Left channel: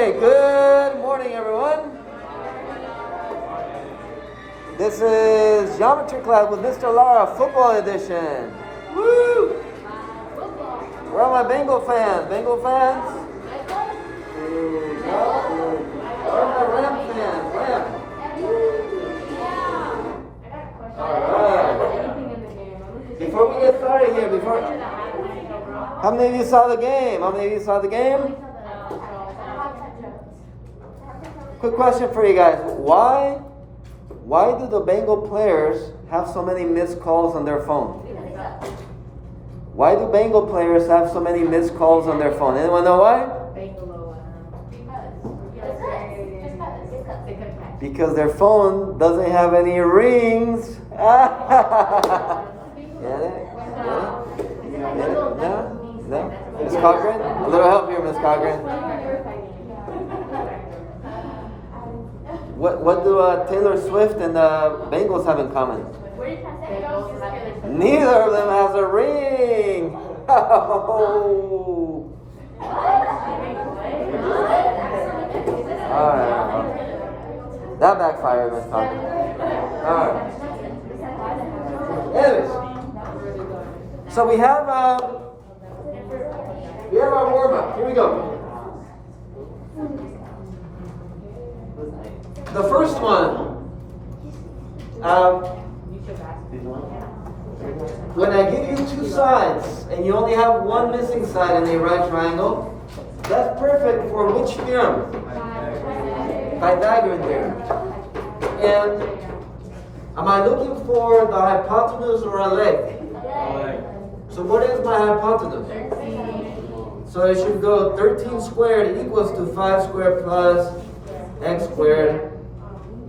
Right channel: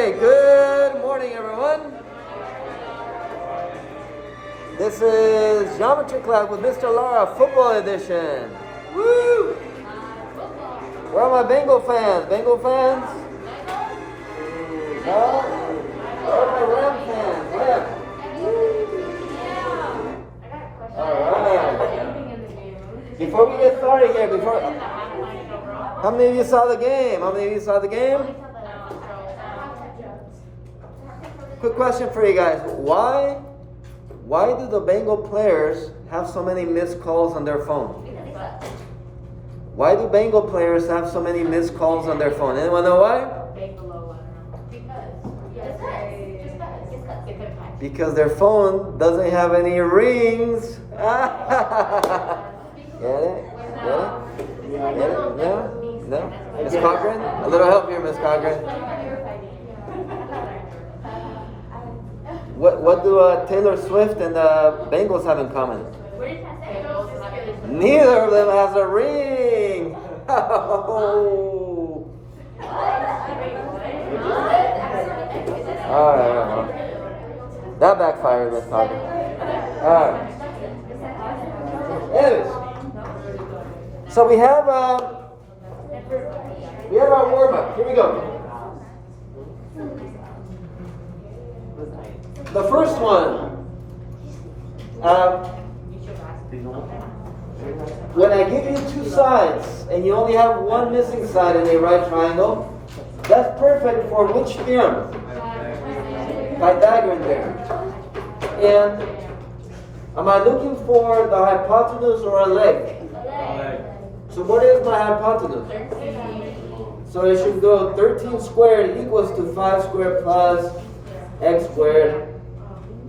Okay, good morning, everyone. This is Geometry Class with Mr. Lara, Football Edition. Woo! Where are my Bengal fans? Bengal fans? No? Where are my Ram fans? Ram. Alright. Before we get started here, how many of you saw the game? How many of you saw the game? Quick question for you guys. Why do the Bengal players have so many missed calls on their phone? Why do Bengal players have so many missed calls on their phone? Anyone know why? Because their phone doesn't have any rings. Get it? No? Miss Cochran? A little help here, Miss Cochran. What do Taylor Swift and the Bengals have in common? Neither of them has a ring. Oh. All right. That backfired, Miss Cochran. All right. Anyways, so we have our warm up. Here we go. The first one, when I give you two sides and you only have one missing side in a right triangle, that's perfect for which theorem? Pythagorean theorem. And am I looking for the hypotenuse or a leg? So what is my hypotenuse? So it should go 13 squared equals to 5 squared plus x squared.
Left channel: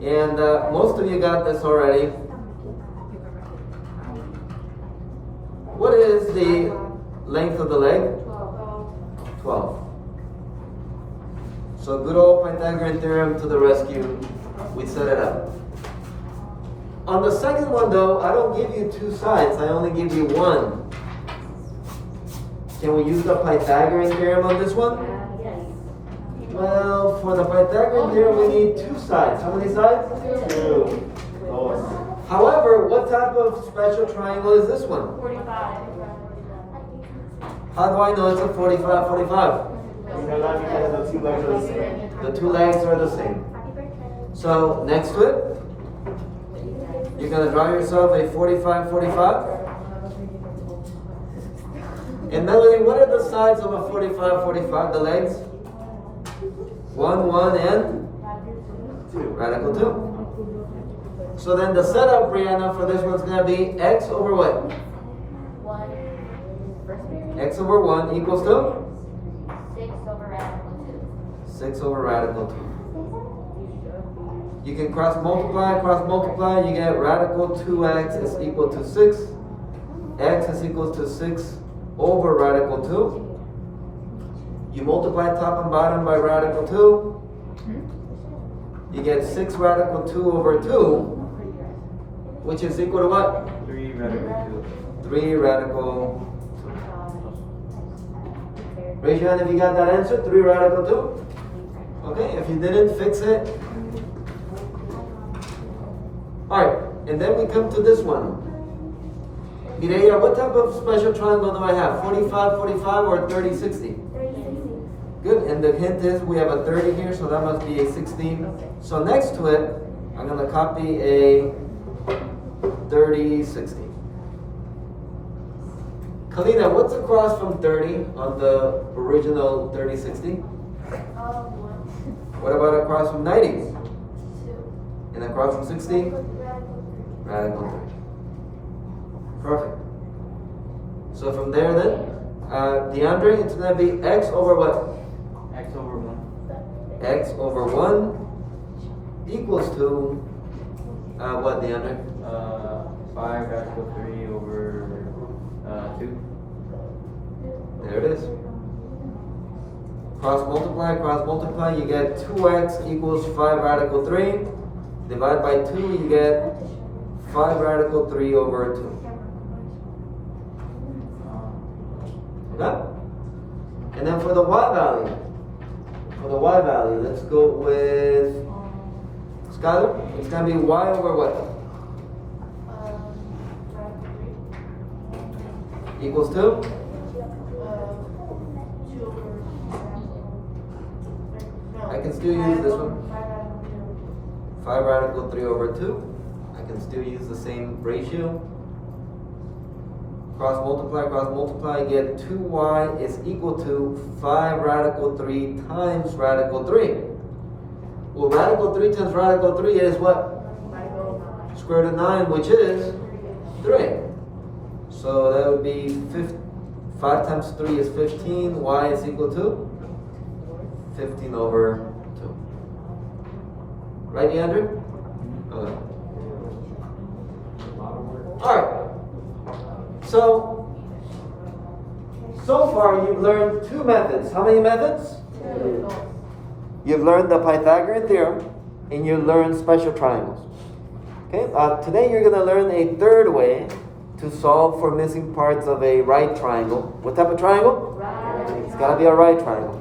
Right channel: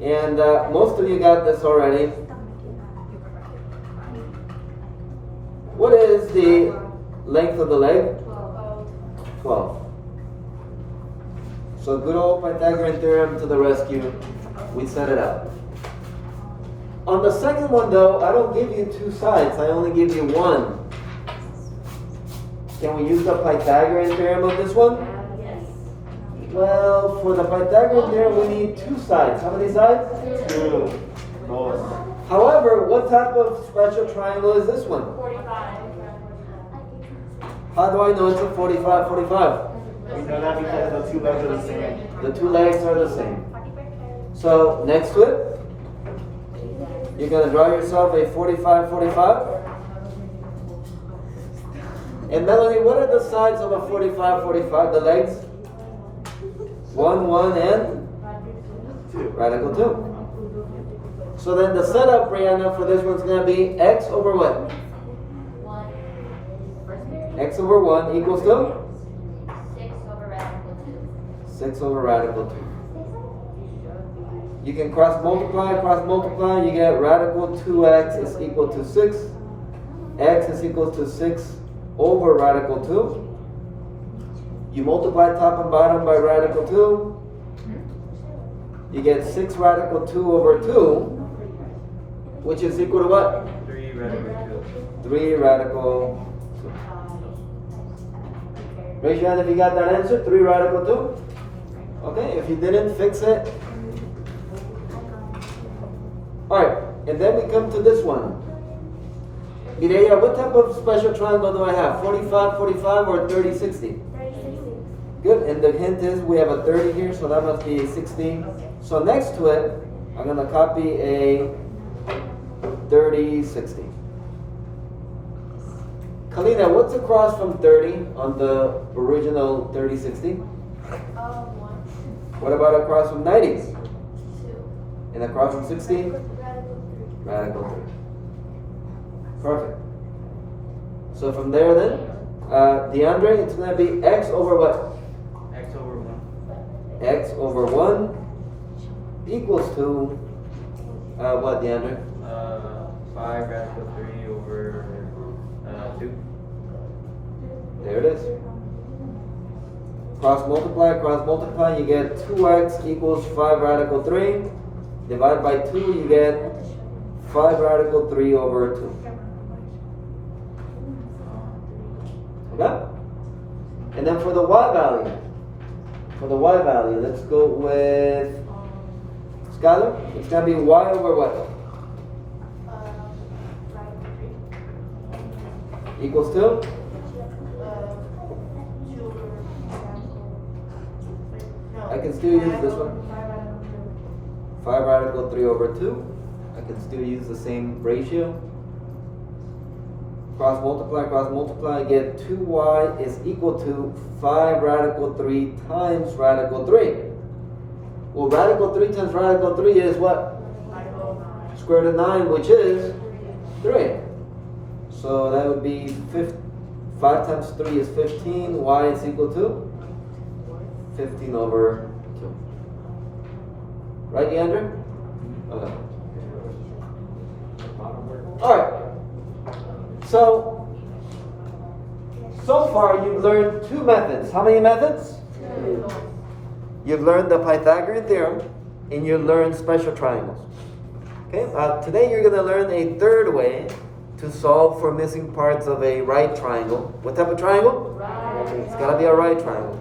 And most of you got this already. What is the length of the leg? 12. So good old Pythagorean theorem to the rescue. We set it up. On the second one though, I don't give you two sides. I only give you one. Can we use the Pythagorean theorem on this one? Well, for the Pythagorean theorem, we need two sides. How many sides? Two. However, what type of special triangle is this one? 45. How do I know it's a 45, 45? Because the two legs are the same. The two legs are the same. So, next to it, you're going to draw yourself a 45, 45. And Melanie, what are the sides of a 45, 45? The legs? 1, 1, and 2. radical 2. So then the setup, Brianna, for this one's going to be x over what? 1. X over 1 equals to? 6 over radical 2. 6 over radical 2. You can cross multiply, you get radical 2x is equal to 6. X is equal to 6 over radical 2. You multiply top and bottom by radical 2. You get 6 radical 2 over 2, which is equal to what? 3 radical 2. 3 radical 2. Raise your hand if you got that answer, 3 radical 2. Okay, if you didn't, fix it. Alright, and then we come to this one. Mireya, what type of special triangle do I have? 45, 45 or 30, 60? Good, and the hint is we have a 30 here, so that must be a 60. So next to it, I'm going to copy a 30, 60. Kalina, what's across from 30 on the original 30, 60? What about across from 90? 2. And across from 60? Radical 3. Perfect. So from there then, DeAndre, it's going to be x over what? X over 1. X over 1 equals to, what, DeAndre? 5 radical 3 over 2. There it is. Cross multiply, you get 2x equals 5 radical 3. Divide by 2, you get 5 radical 3 over 2. Okay? And then for the y value, For the y value, let's go with Skylar. It's gonna be y over what? Equals to? I can still use this one. 5 radical 3 over 2. I can still use the same ratio. Cross multiply, I get 2y is equal to 5 radical 3 times radical 3. Well, radical 3 times radical 3 is what? Square root of 9, which is 3. So that would be 5 times 3 is 15. Y is equal to 15 over 2. Right, Leander? Okay. Alright. So far you've learned 2 methods. How many methods? 2. You've learned the Pythagorean theorem and you learned special triangles. Okay, today you're going to learn a third way to solve for missing parts of a right triangle. What type of triangle? Right. It's got to be a right triangle.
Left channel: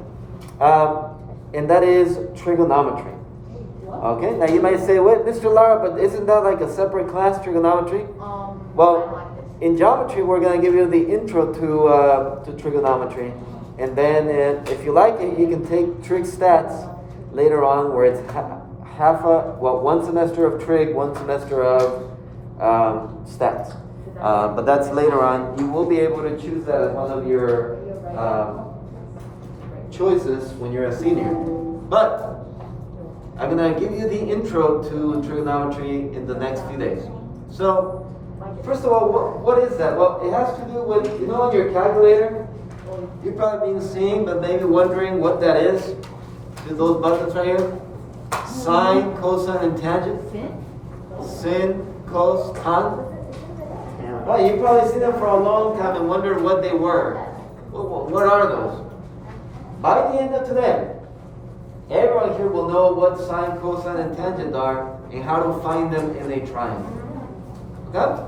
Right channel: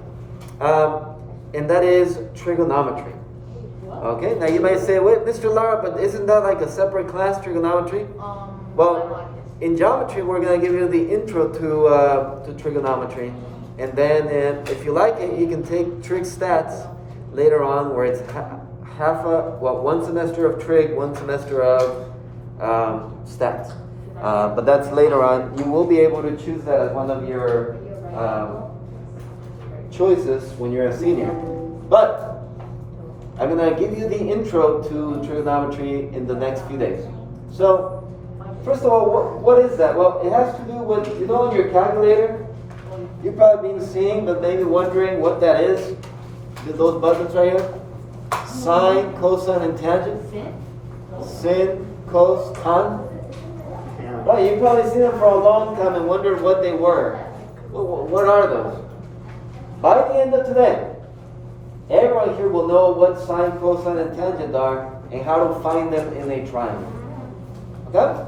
And that is trigonometry. Okay, now you might say, wait, Mr. Lara, but isn't that like a separate class, trigonometry? Well, in geometry, we're going to give you the intro to trigonometry. And then if you like it, you can take trig stats later on, where it's one semester of trig, 1 semester of stats. But that's later on. You will be able to choose that as one of your choices when you're a senior. But I'm going to give you the intro to trigonometry in the next few days. So, first of all, what is that? Well, it has to do with, on your calculator, you've probably been seeing, but maybe wondering what that is. Those buttons right here. Sine, cosine, and tangent. Sin, cos, tan. Right, you've probably seen them for a long time and wondered what they were. What are those? By the end of today, everyone here will know what sine, cosine, and tangent are and how to find them in a triangle. Okay?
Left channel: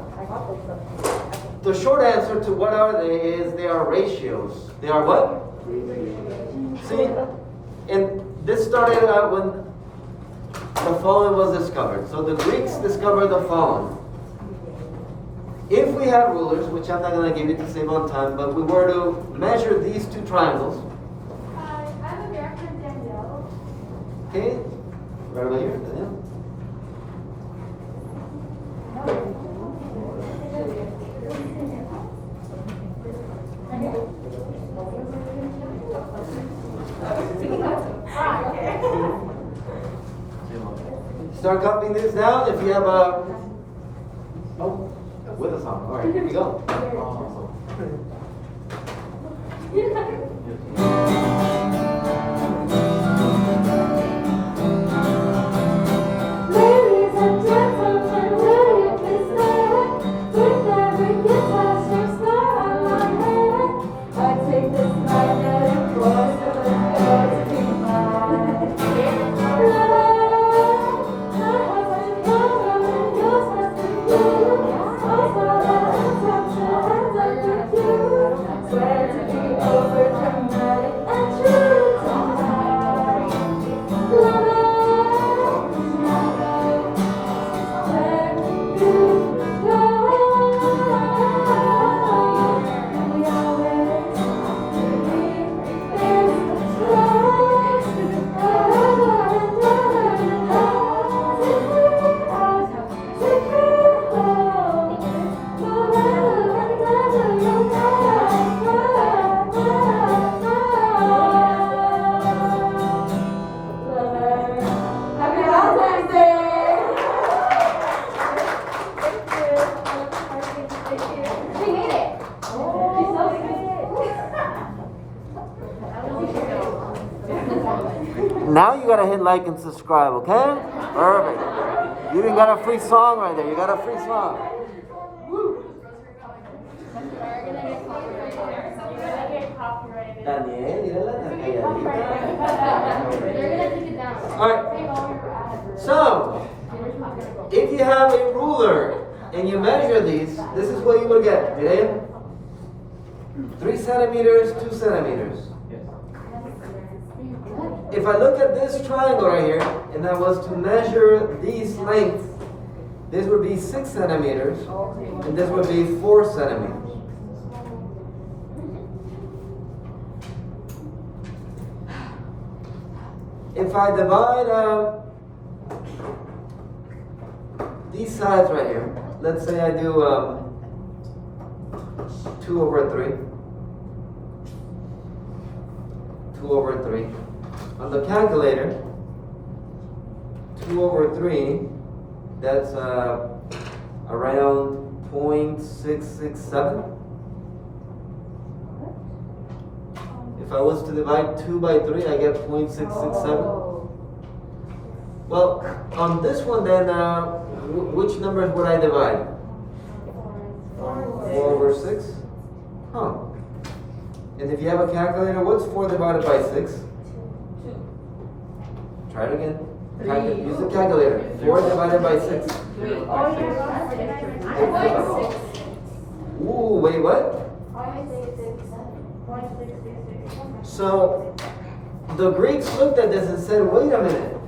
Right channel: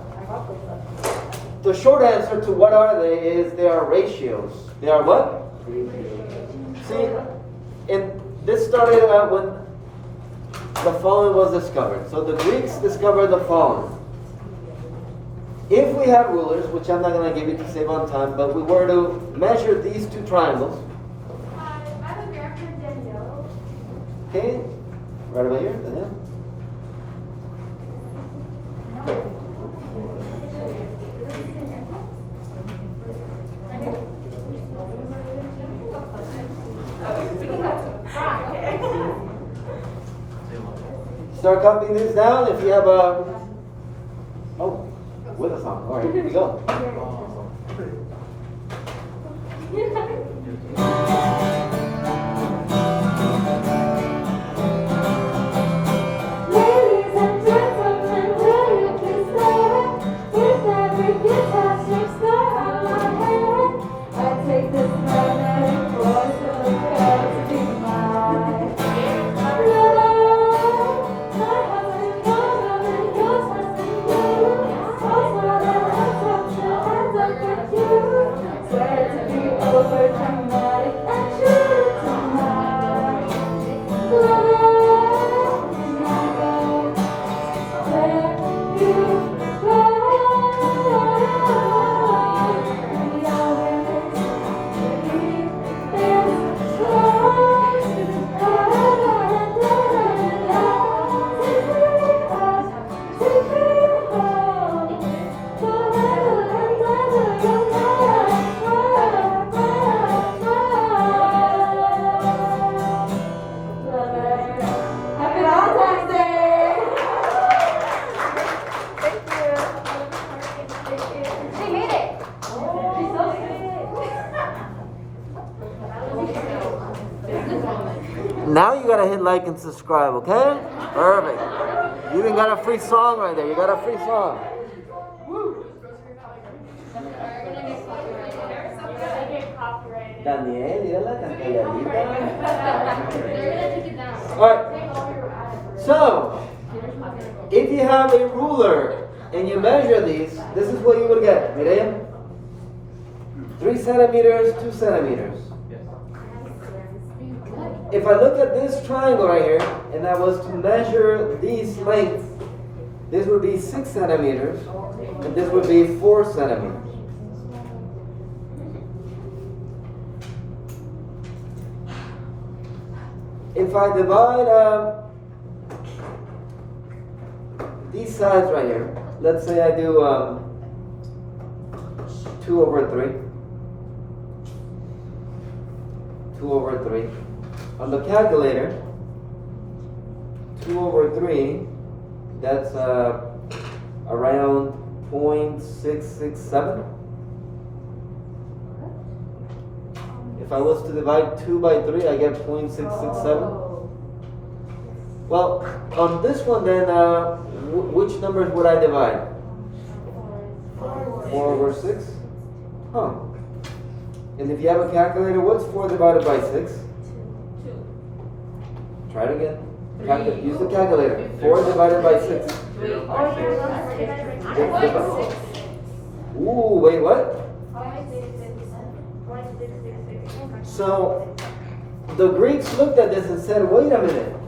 The short answer to what are they is they are ratios. They are what? See, and this started out when the following was discovered. So the Greeks discovered the following. If we had rulers, which I'm not going to give you to save on time, but we were to measure these 2 triangles. Okay, right over here, Daniel. Start copying this down. If you have with a song. All right, here we go. Ladies and gentlemen, will you please stand? With every guitar string star on my head, I take this magnetic force of the God to be mine. Happy Valentine's Day! She made it. Now you gotta hit like and subscribe, okay? Perfect. You even got a free song right there. You got a free song. Daniel, mírala tan calladita. Alright. So, if you have a ruler and you measure these, this is what you will get. Miren. 3 centimeters, 2 centimeters. if I look at this triangle right here, and I was to measure these lengths, this would be 6 centimeters, and this would be 4 centimeters. If I divide these sides right here, let's say I do 2 over 3. 2 over 3. On the calculator, 2 over 3, that's around 0.667. If I was to divide 2 by 3, I get 0.667. Well, on this one then, which numbers would I divide? 4 over 6? Huh. And if you have a calculator, what's 4 divided by 6? Try it again. Use the calculator. 4 divided by 6. Ooh, wait, what? So, the Greeks looked at this and said, wait a minute.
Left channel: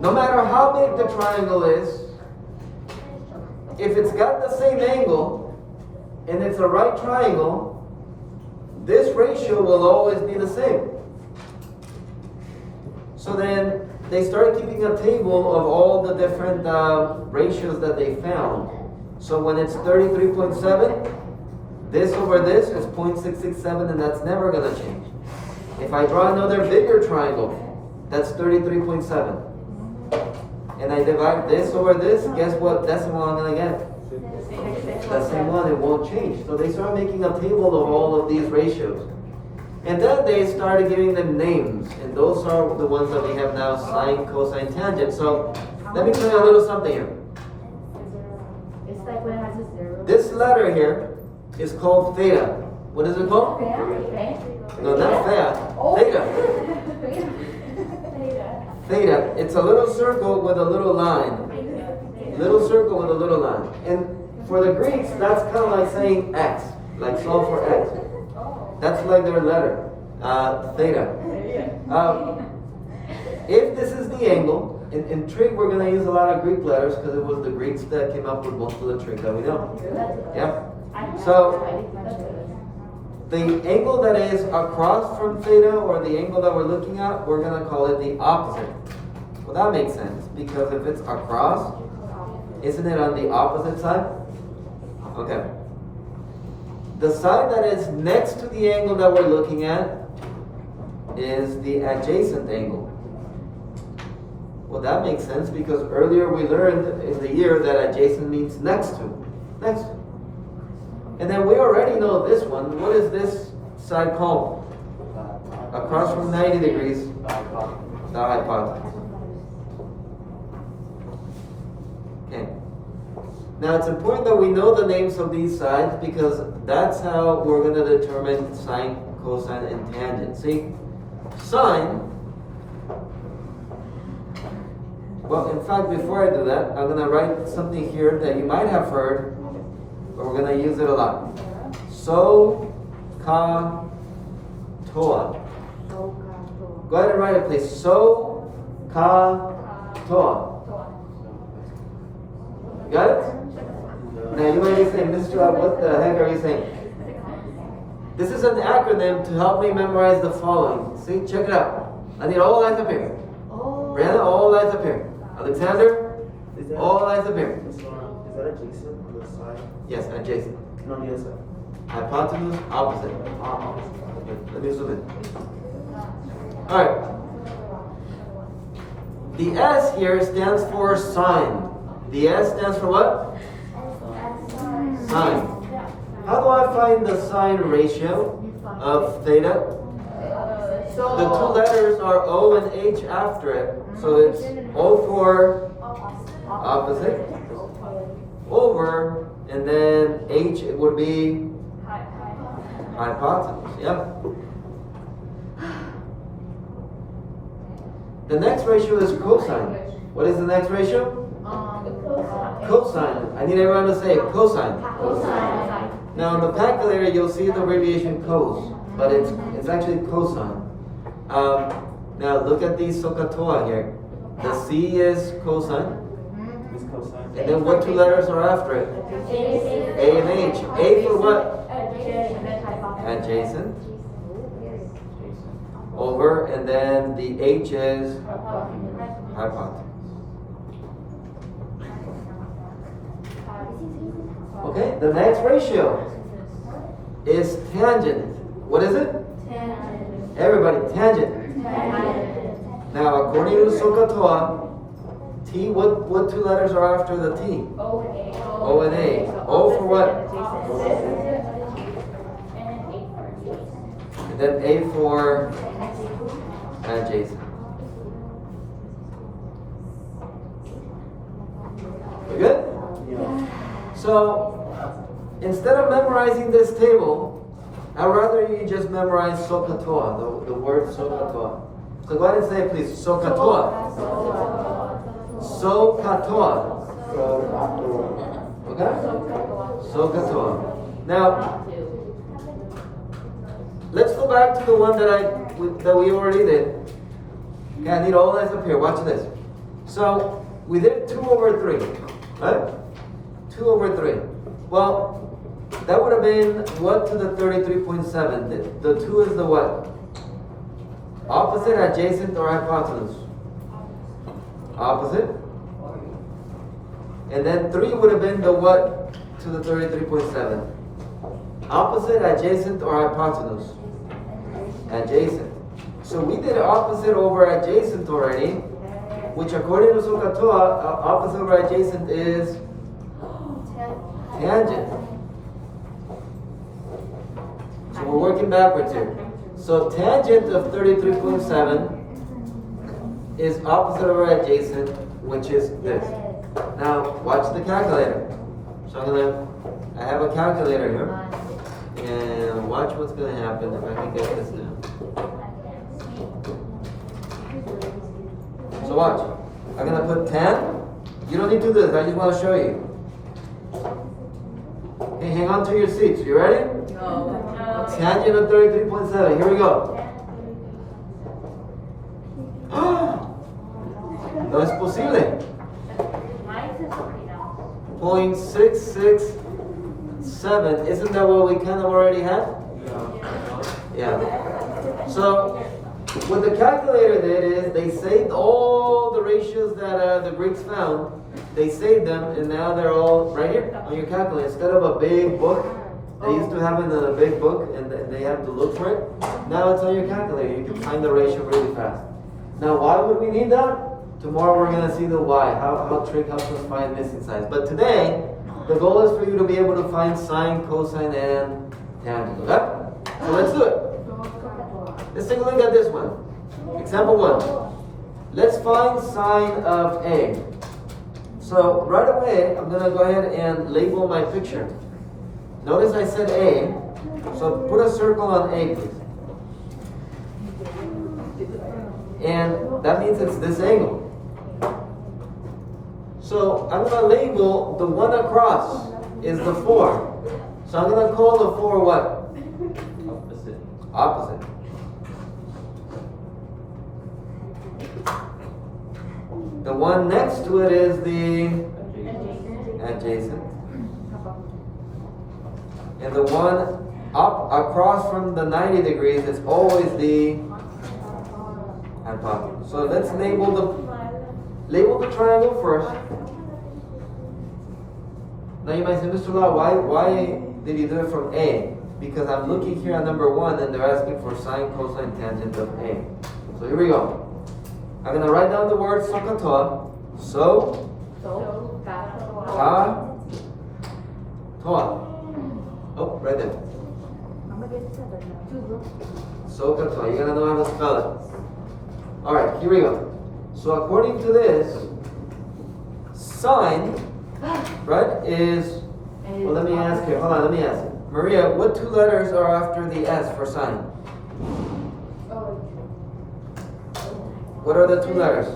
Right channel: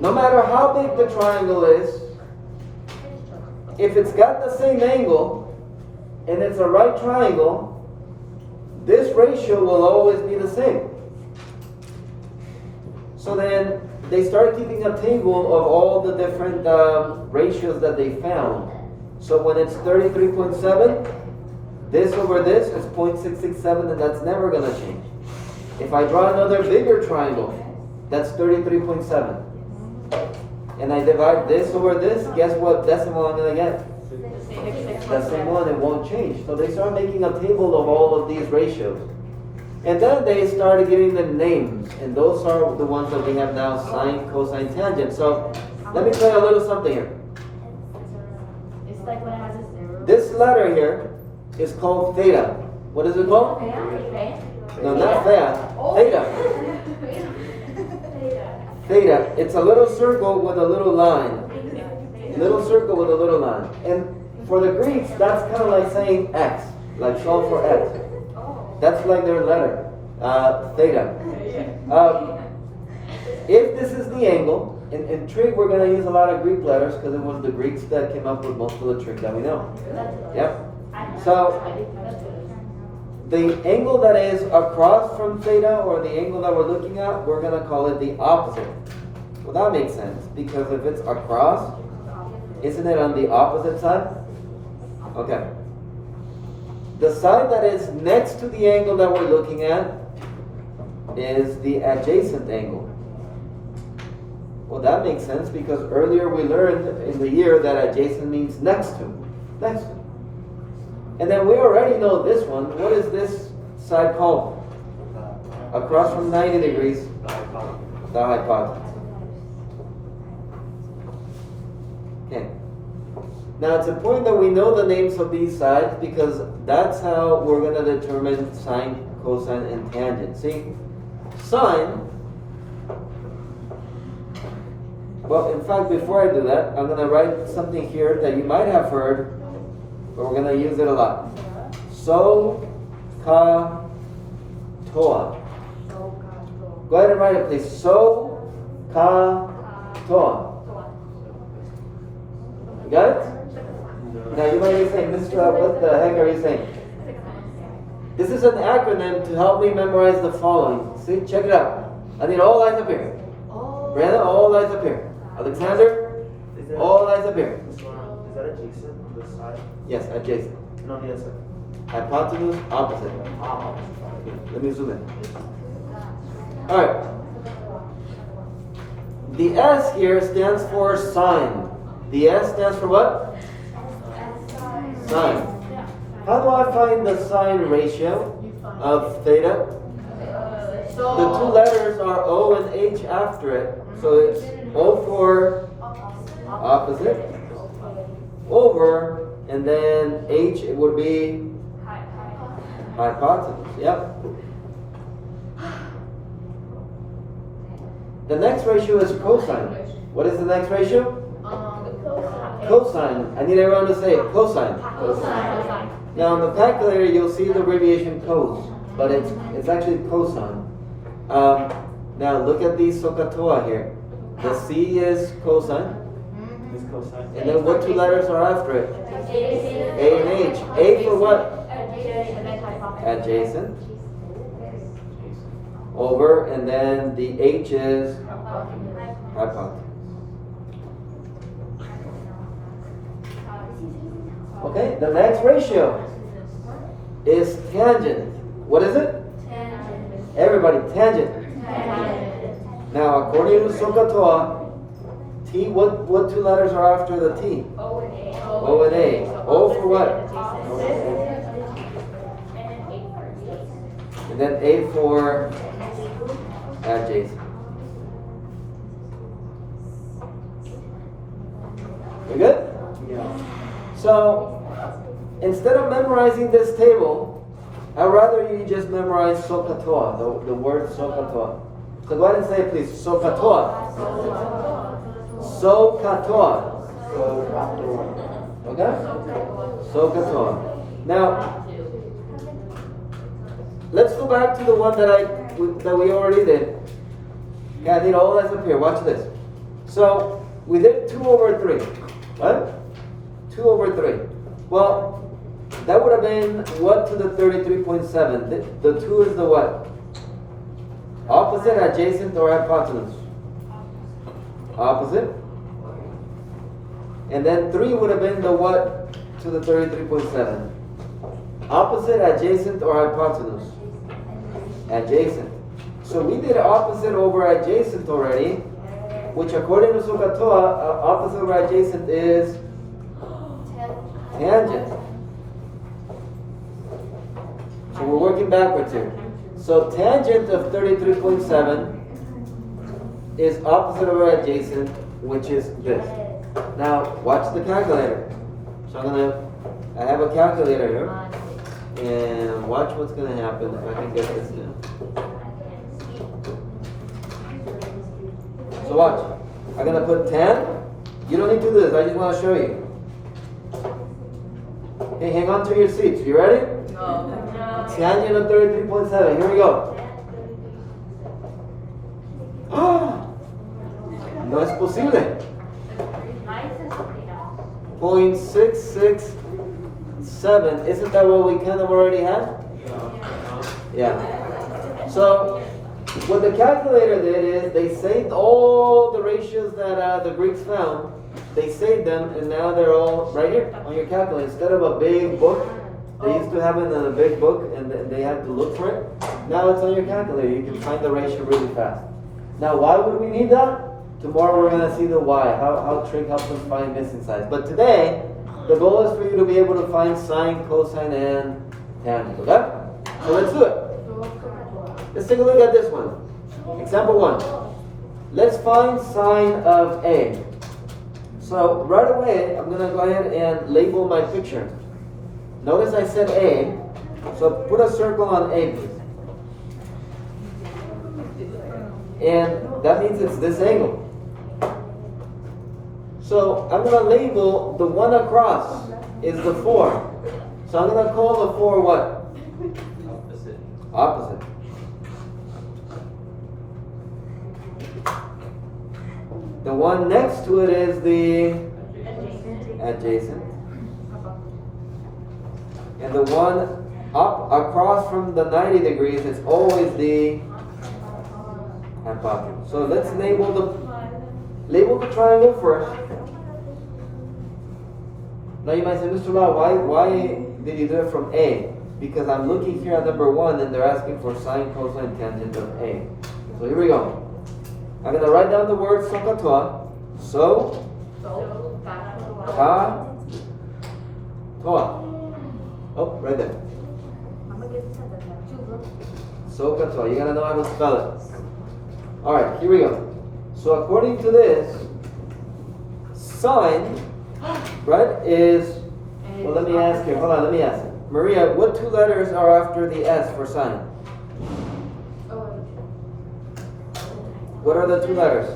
No matter how big the triangle is, if it's got the same angle, and it's a right triangle, this ratio will always be the same. So then they started keeping a table of all the different ratios that they found. So when it's 33.7, this over this is 0.667, and that's never going to change. If I draw another bigger triangle, that's 33.7. And I divide this over this, guess what decimal I'm going to get? The same one, it won't change. So they started making a table of all of these ratios. And then they started giving them names. And those are the ones that we have now, sine, cosine, tangent. So let me tell you a little something here. It's like when it has a 0. This letter here is called theta. What is it called? No, not theta. Theta. Theta. It's a little circle with a little line. Little circle with a little line. And for the Greeks, that's kind of like saying X, like solve for X. That's like their letter, theta. If this is the angle, in trig we're going to use a lot of Greek letters because it was the Greeks that came up with most of the trig that we know. Yeah. So the angle that is across from theta, or the angle that we're looking at, we're going to call it the opposite. Well, that makes sense because if it's across, isn't it on the opposite side? Okay. The side that is next to the angle that we're looking at is the adjacent angle. Well, that makes sense because earlier we learned in the year that adjacent means next to. Next to. And then we already know this one. What is this side called? Across from 90 degrees. The hypotenuse. Okay. Now it's important that we know the names of these sides because that's how we're going to determine sine, cosine, and tangent. See, sine, well, in fact, before I do that, I'm going to write something here that you might have heard, but we're going to use it a lot. So, ka, toa. Go ahead and write it, please. So, ka, toa. You got it? Now you might be saying, Mr. What the heck are you saying? This is an acronym to help me memorize the following. See, check it out. I need all lines up here. Brianna, all lines up here. Alexander, all lines up here. Is that adjacent on the side? Yes, adjacent. No, on the other side. Hypotenuse, opposite. Okay, let me zoom in. Alright. The S here stands for sine. The S stands for what? Sine. How do I find the sine ratio of theta? The two letters are O and H after it. So it's O for opposite, over, and then H it would be hypotenuse. Yep. The next ratio is cosine. What is the next ratio? Cosine. I need everyone to say cosine. Now on the calculator you'll see the abbreviation cos. but it's actually cosine. Now look at the SOHCAHTOA here. The C is cosine, It's cosine. and then what two letters are after it? A and H. A for what? Adjacent. Over, and then the H is hypotenuse. Okay, the next ratio is tangent. What is it? Everybody, tangent. Now, according to SOHCAHTOA, T, what two letters are after the T? O and A. O for what? And then A for adjacent. We good? Yeah. So, instead of memorizing this table, I'd rather you just memorize SOHCAHTOA, the word SOHCAHTOA. So go ahead and say it, please. SOHCAHTOA. SOHCAHTOA. Okay? SOHCAHTOA. Now, let's go back to the one that we already did. Okay, I need all that's up here. Watch this. So, we did 2 over 3. Right? 2 over 3. Well, that would have been what to the 33.7? The 2 is the what? Opposite, adjacent, or hypotenuse? Opposite. And then 3 would have been the what to the 33.7? Opposite, adjacent, or hypotenuse? Adjacent. So we did opposite over adjacent already, which according to SOHCAHTOA, opposite over adjacent is tangent. So we're working backwards here. So tangent of 33.7 is opposite over adjacent, which is this. Now watch the calculator. So I have a calculator here, and watch what's gonna happen if I can get this down. So watch. I'm gonna put 10. You don't need to do this. I just want to show you. Okay, hang on to your seats. You ready? Tangent of 33.7. Here we go. No es posible. 0.667. Isn't that what we kind of already had? Yeah. So what the calculator did is they saved all the ratios that the Greeks found. They saved them, and now they're all right here on your calculator. Instead of a big book, they used to have it in a big book, and they have to look for it. Now it's on your calculator. You can find the ratio really fast. Now, why would we need that? Tomorrow we're going to see the why, how trig helps us find missing signs. But today, the goal is for you to be able to find sine, cosine, and tangent. Okay? So let's do it. Let's take a look at this one. Example 1. Let's find sine of A. So right away, I'm going to go ahead and label my picture. Notice I said A, so put a circle on A, please. And that means it's this angle. So I'm going to label the one across is the 4. So I'm going to call the 4 what? Opposite. The one next to it is the adjacent. And the one up across from the 90 degrees is always the hypotenuse. So let's label the triangle first. Now you might say, Mr. Law, why did you do it from A? Because I'm looking here at number 1 and they're asking for sine, cosine, tangent of A. So here we go. I'm going to write down the word SOHCAHTOA. SOHCAHTOA. Oh, right there. SOHCAHTOA. You gotta know how to spell it. Alright, here we go. So according to this, sine, right, is, well, let me ask you. Hold on, let me ask. Maria, what 2 letters are after the S for sine? What are the 2 letters?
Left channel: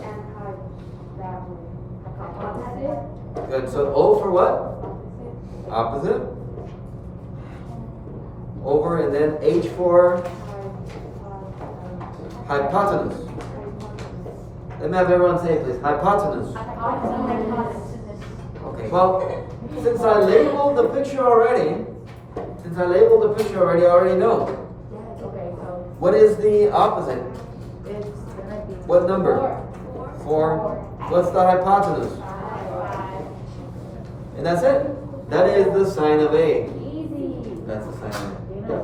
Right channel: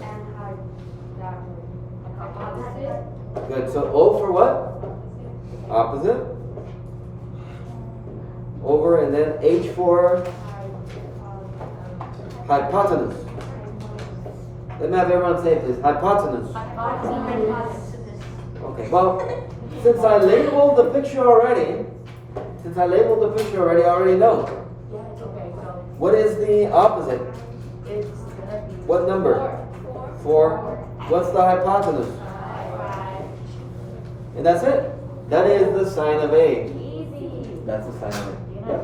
Good. So O for what? Opposite. over, and then H for hypotenuse. Let me have everyone say it, please. Hypotenuse. Okay, well, since I labeled the picture already, I already know. Okay, so What is the opposite? it's gonna be. What number? 4. What's the hypotenuse? 5. And that's it. That is the sign of A. Easy. That's the sign of A. Yep.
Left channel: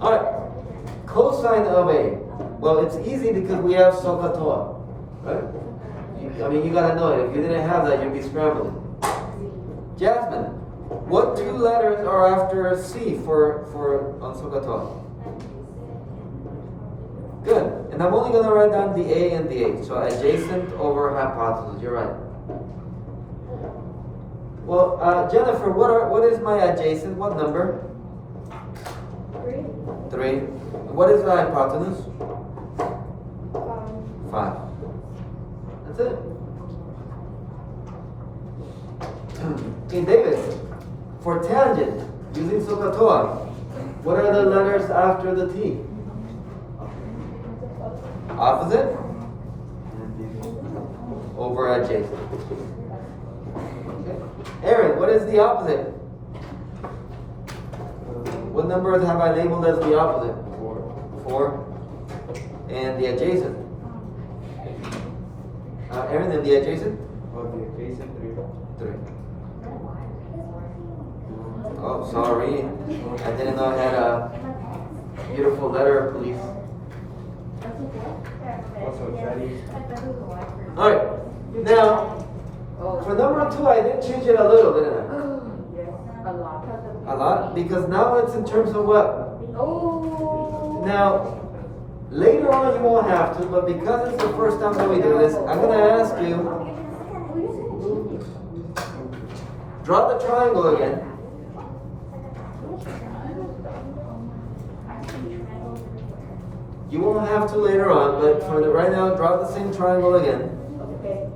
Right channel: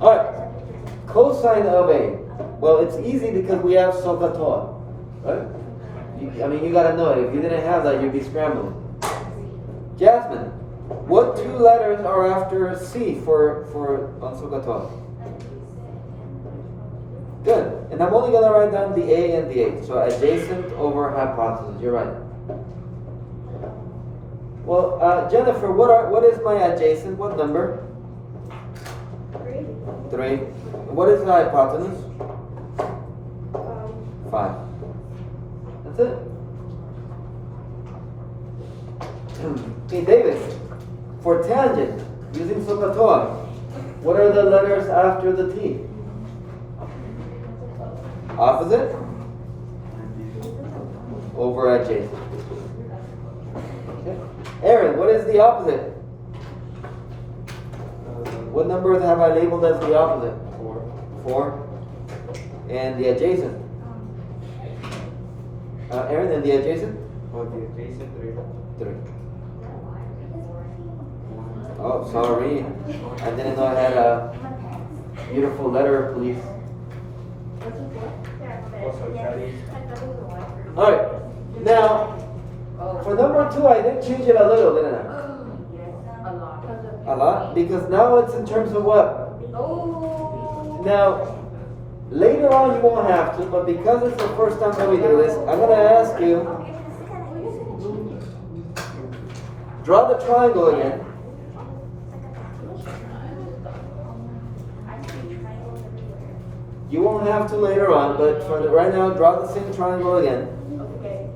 Alright. Alright. Cosine of A. Well, it's easy because we have SOHCAHTOA. Right? You gotta know it. If you didn't have that, you'd be scrambling. Jasmine, what 2 letters are after C for on SOHCAHTOA? Good. And I'm only gonna write down the A and the H. So adjacent over hypotenuse. You're right. Well, Jennifer, what is my adjacent? What number? 3. What is the hypotenuse? 5. That's it. Okay, David, for tangent, using SOHCAHTOA, what are the letters after the T? Opposite? Over adjacent. Okay. Aaron, what is the opposite? What numbers have I labeled as the opposite? 4. And the adjacent? Aaron, and the adjacent? For the adjacent 3. 3. Oh, sorry. I didn't know I had a beautiful letter, please. Also Chinese. Alright, now, for number 2, I did change it a little, didn't I? Yes, a lot. A lot? Because now it's in terms of what? Oh. Now, later on you won't have to, but because it's the first time that we do this, I'm going to ask you, draw the triangle again. You won't have to later on, but for right now, draw the same triangle again. Okay.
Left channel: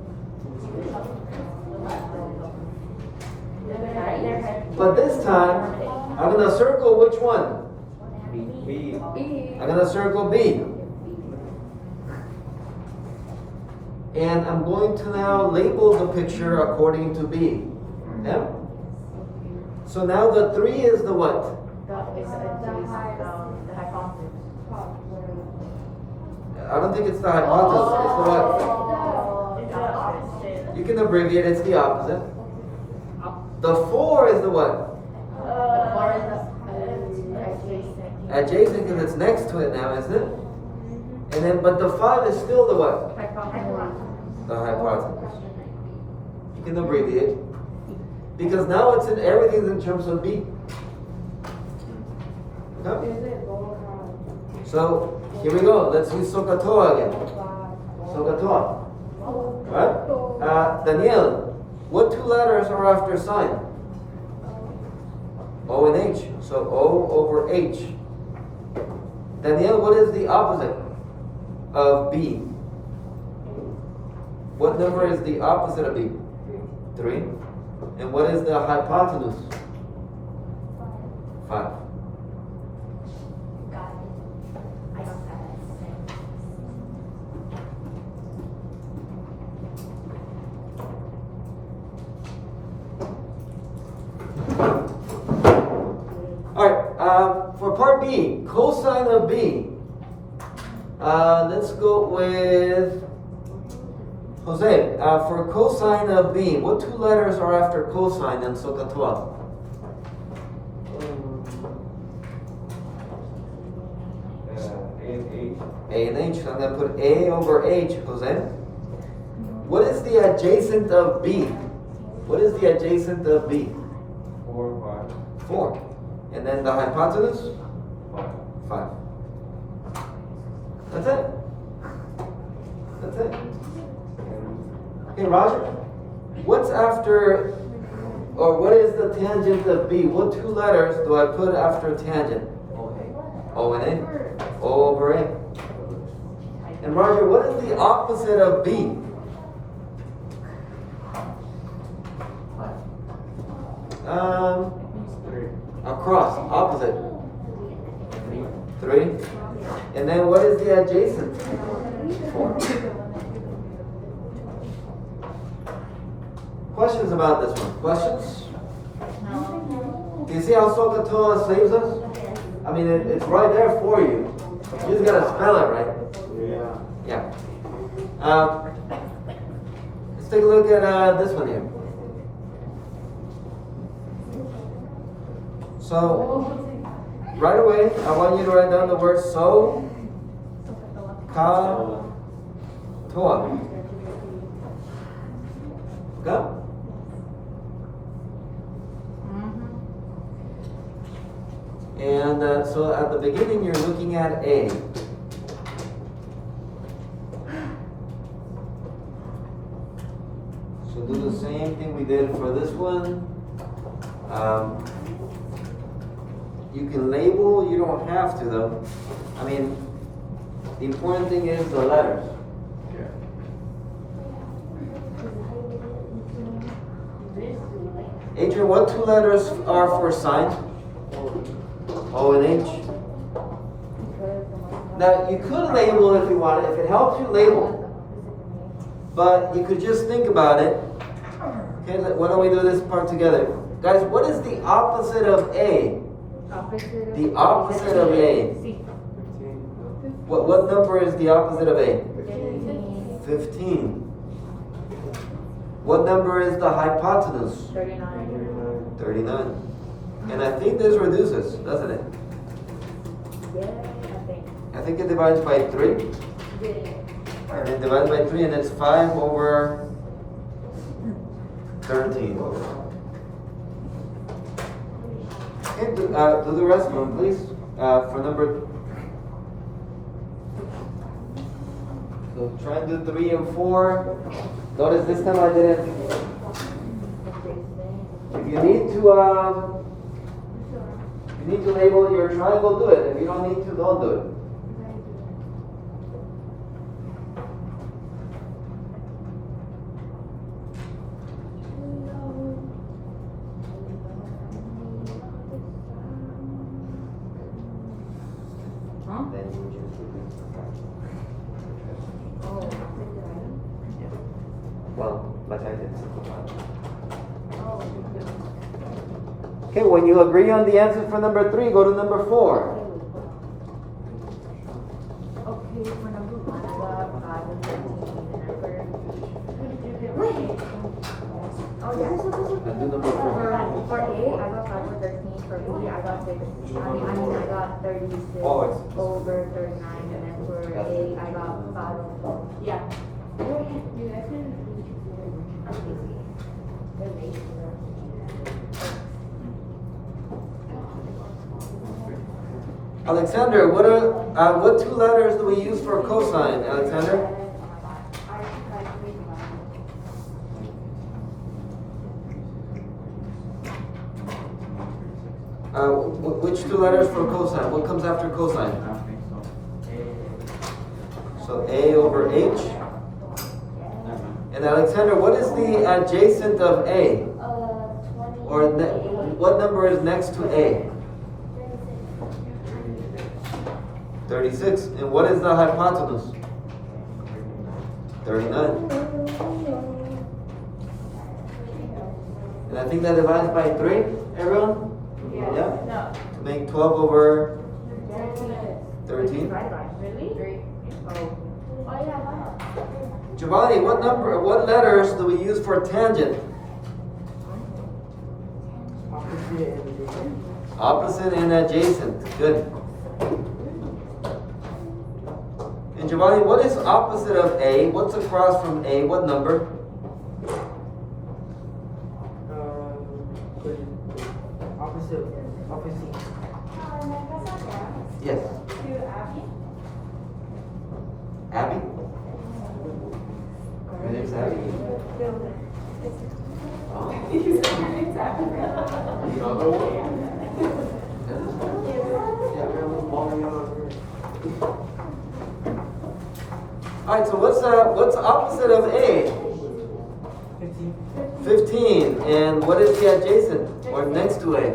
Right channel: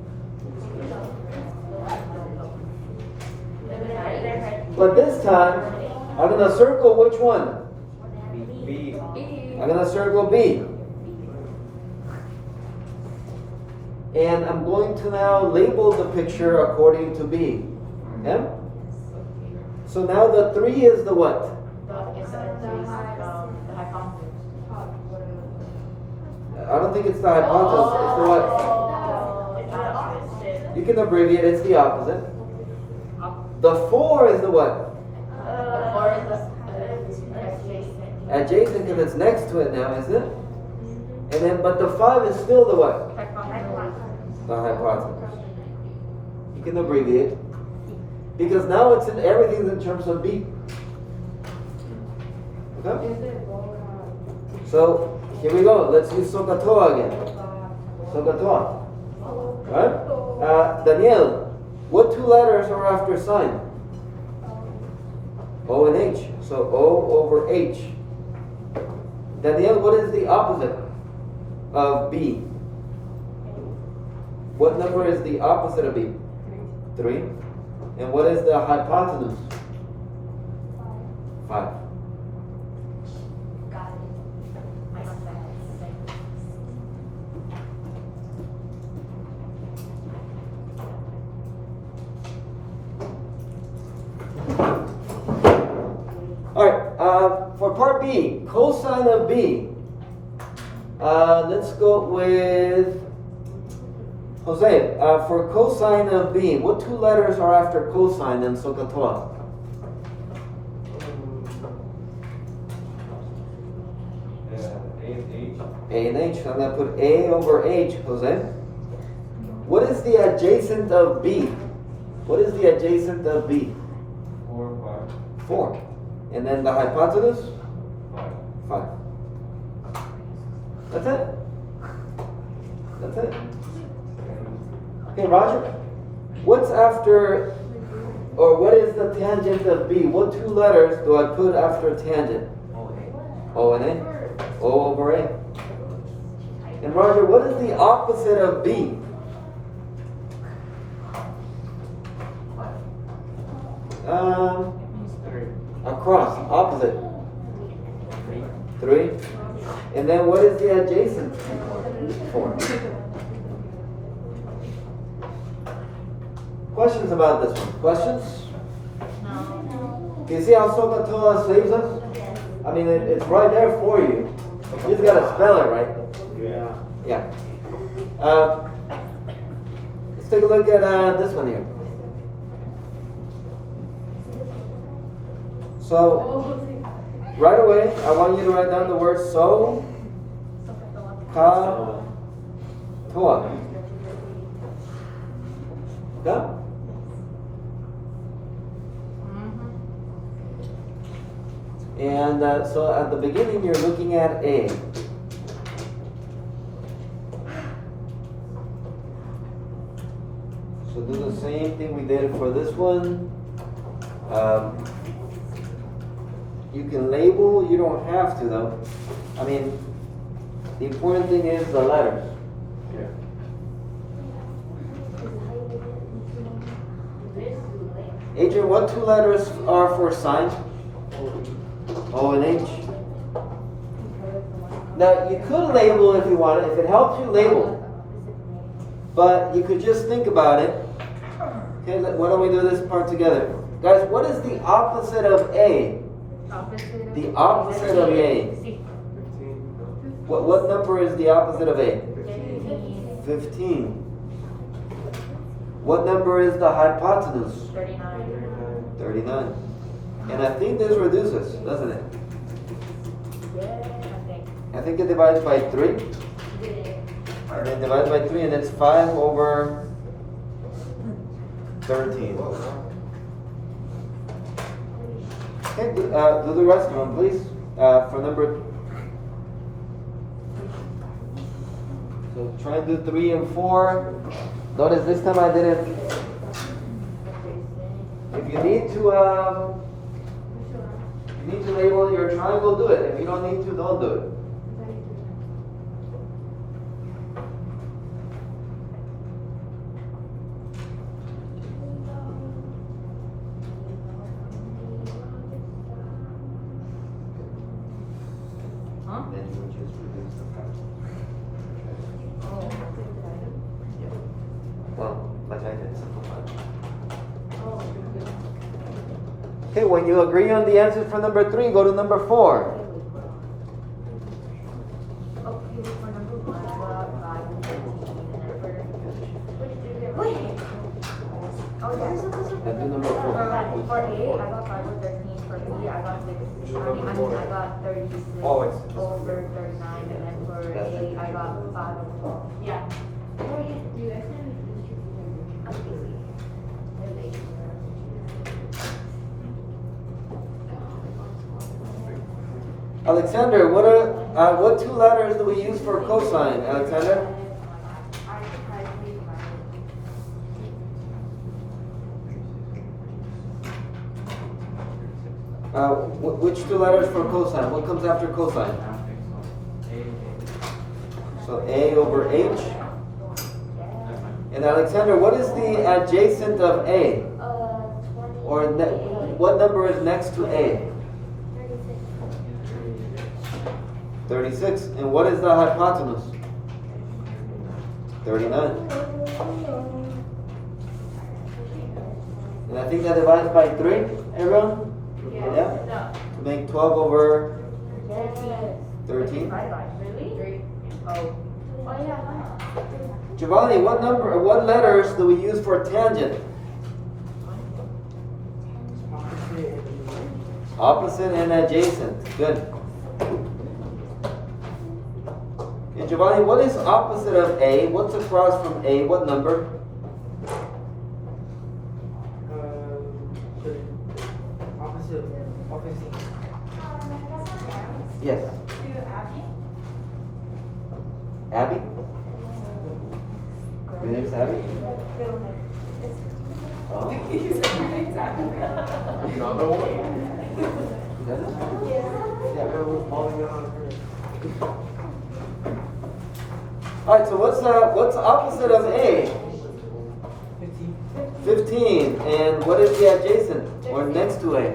But this time, I'm going to circle which one? B. I'm going to circle B. And I'm going to now label the picture according to B. Okay? So now the 3 is the what? It's adjacent, the hypotenuse. I don't think it's the hypotenuse, it's the what? It's the opposite. You can abbreviate, it's the opposite. The 4 is the what? The 4 is adjacent. Adjacent because it's next to it now, isn't it? And then, but the 5 is still the what? The hypotenuse. You can abbreviate. Because now it's in everything's in terms of B. Okay? So, here we go. Let's use SOHCAHTOA again. SOHCAHTOA. Alright? Daniel, what 2 letters are after sign? O and H. So O over H. Daniel, what is the opposite of B? What number is the opposite of B? 3. And what is the hypotenuse? 5. Got it. I got that. Alright, for part B, cosine of B. Let's go with Jose. For cosine of B, what 2 letters are after cosine in SOHCAHTOA? A and H. A and H. So I'm going to put A over H, Jose. What is the adjacent of B? What is the adjacent of B? 4, 4. And then the hypotenuse? 5. 5. That's it. That's it. Okay, Roger. What's after, or what is the tangent of B? What 2 letters do I put after tangent? O and A. O over A. And Roger, what is the opposite of B? Across, opposite. 3. And then what is the adjacent? 4. Questions about this one? Questions? Do you see how SOHCAHTOA saves us? I mean, it's right there for you. You just gotta spell it right. Yeah. Yeah. Let's take a look at this one here. So, right away, I want you to write down the word SOHCAHTOA. Go. And so at the beginning, you're looking at A. So do the same thing we did for this one. You can label, you don't have to though. I mean, the important thing is the letters. Adrian, what 2 letters are for signs? O and H. Now, you could label if you wanted. If it helps you, label. But you could just think about it. Okay, why don't we do this part together? Guys, what is the opposite of A? The opposite of A. What number is the opposite of A? 15. What number is the hypotenuse? 39. And I think this reduces, doesn't it? I think it divides by 3. And then divides by 3, and it's 5 over 13. Okay, do the rest of them, please. For number. So try and do 3 and 4. Notice this time I did it. If you need to label your triangle, do it. If you don't need to, don't do it. Then you would just reduce the factor. Well, like I did, simplify. Okay, when you agree on the answers for number 3, go to number 4. Okay, for number 1, I got 5 and 13, and oh yeah. Let's do number 4. For A, I got 5 and 13. For B, I got 6. I got 36 over 39, and then for A, I got 5 and 12. Yeah. Alexander, what 2 letters do we use for cosine, Alexander? Which 2 letters for cosine? What comes after cosine? So A over H. And Alexander, what is the adjacent of A? Or what number is next to A? 36. And what is the hypotenuse? 39. And I think that divides by 3, everyone? Yeah? To make 12 over 13. Really? Oh. Giovanni, what letters do we use for tangent? Opposite and adjacent. Good. And Giovanni, what is opposite of A? What's across from A? What number? Opposite. Yes. Abby? Your name's Abby? Oh. Alright, so what's opposite of A? 15. And what is the adjacent or next to A?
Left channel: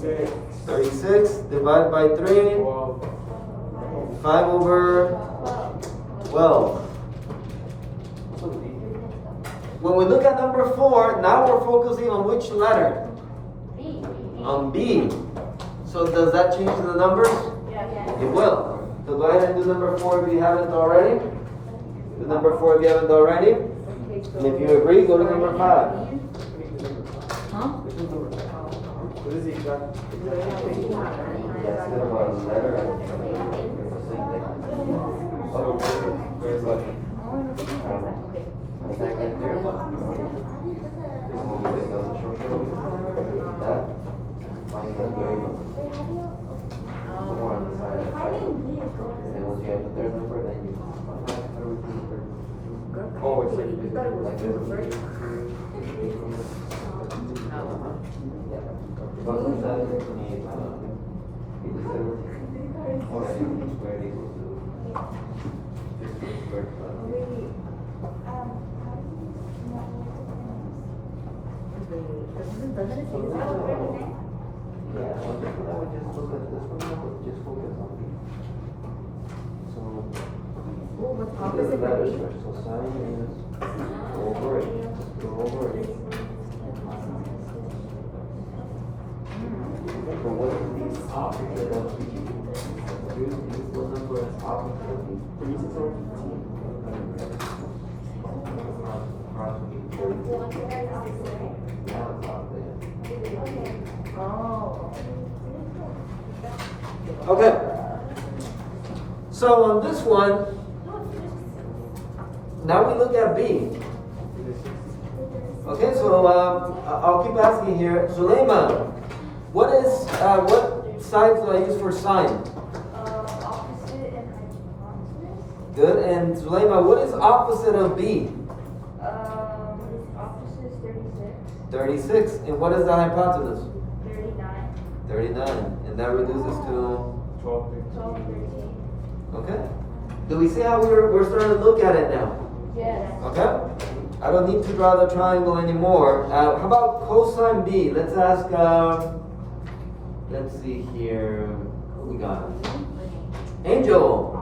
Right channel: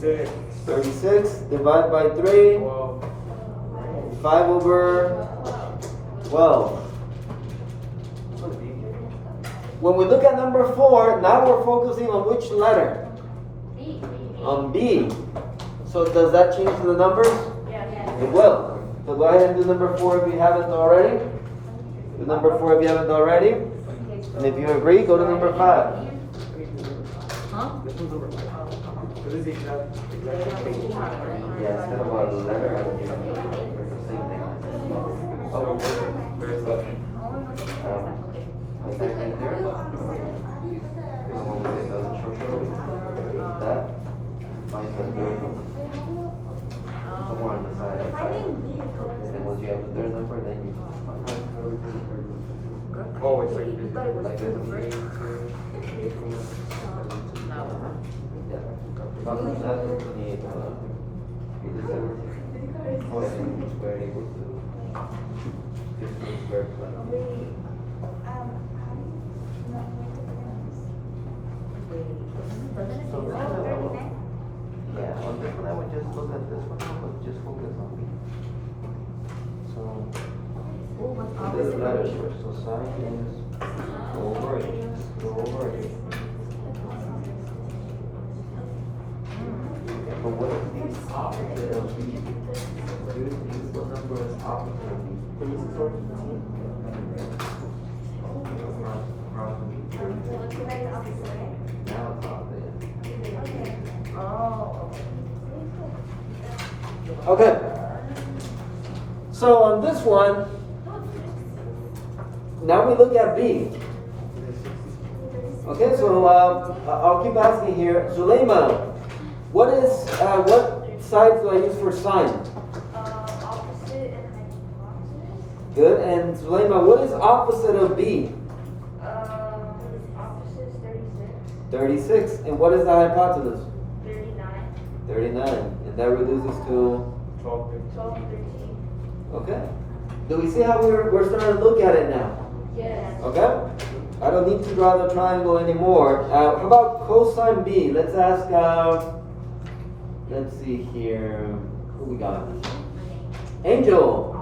36. 36, divide by 3, 12. 5 over 12. When we look at number 4, now we're focusing on which letter? B. On B. So does that change the numbers? Yeah. It will. So go ahead and do number 4 if you haven't already. Do number 4 if you haven't already. And if you agree, go to number 5. Huh? What is the exact? So, where's the? Oh, it's like. Doesn't it say that? Oh, what's opposite from B? Oh, Okay. So on this one, now we look at B. Okay, so I'll keep asking here. Zulema, what sign do I use for sign? Opposite and hypotenuse. Good. And Zulema, what is opposite of B? Opposite is 36. 36. And what is the hypotenuse? 39. 39. And that reduces to, 12. 12, 13. okay. Do we see how we're starting to look at it now? Yes. Okay? I don't need to draw the triangle anymore. How about cosine B? Let's ask, let's see here. Who we got? Angel.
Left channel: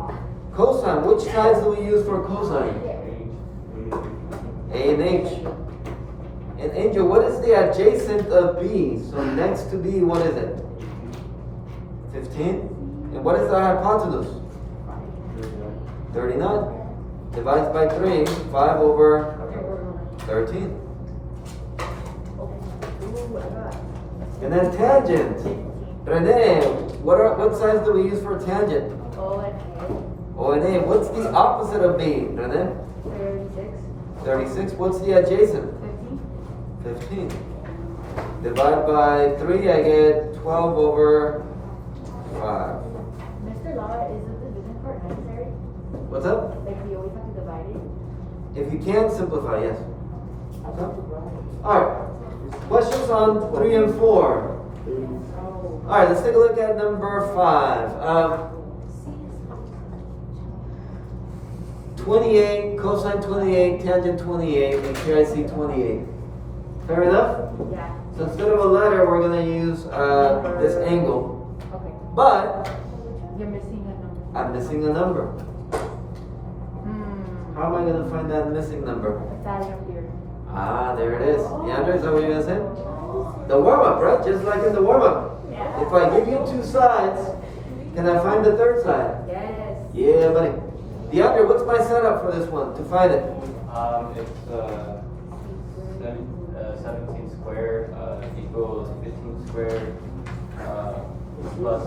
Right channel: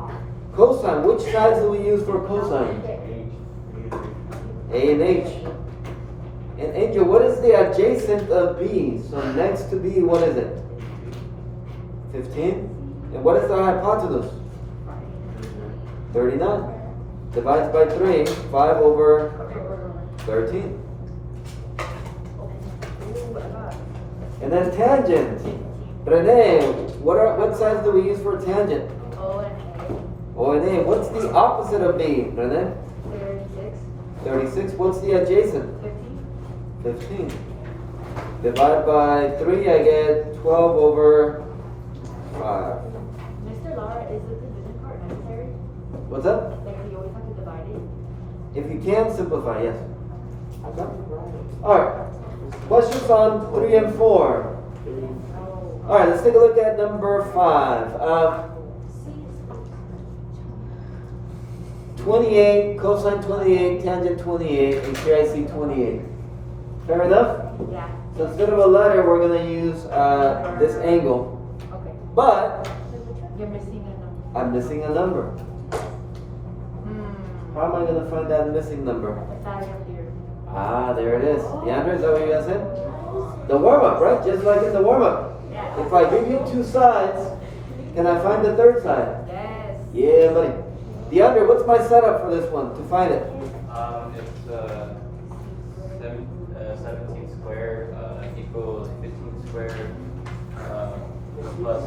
Cosine. Which sides do we use for cosine? A and H. And Angel, what is the adjacent of B? So next to B, what is it? 15? And what is the hypotenuse? 39. Divides by 3, 5 over 13. ooh, I got. And then tangent. Rene, what sides do we use for tangent? O and A. O and A. What's the opposite of B? Rene? 36. 36. What's the adjacent? 15. 15. Divide by 3, I get 12 over 5. Mr. Lara, is the division part necessary? What's up? Like, we always have to divide it? If you can, simplify, yes. Okay. Alright. Questions on 3 and 4? Alright, let's take a look at number 5. 28, cosine 28, tangent 28, and here I see 28. Fair enough? Yeah. So instead of a letter, we're going to use this angle. Okay. But You're missing a number. I'm missing a number. How am I going to find that missing number? The side of here. Ah, there it is. Leandra, is that what you're going to say? The warm-up, right? Just like in the warm-up. Yeah. If I give you 2 sides, can I find the third side? Yes. Yeah, buddy. DeAndre, what's my setup for this one to find it? It's 17 square equals 15 square plus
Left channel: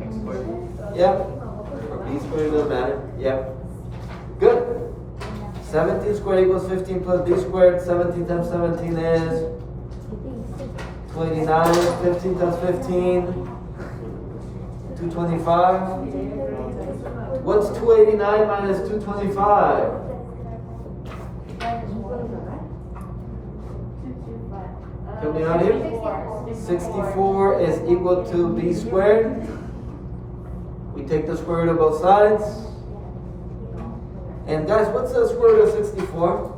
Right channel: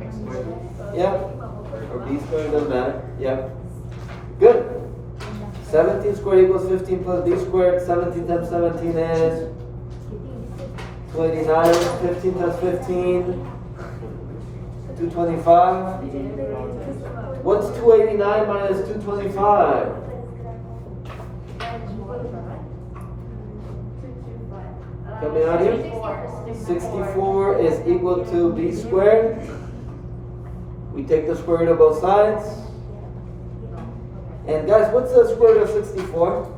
x squared. Yeah. Or b squared, doesn't matter. Yep. Good. 17 squared equals 15 plus b squared. 17 times 17 is 29. 15 times 15, 225. What's 289 minus 225? Help me out here. 64 is equal to b squared. We take the square root of both sides. And guys, what's the square root of 64?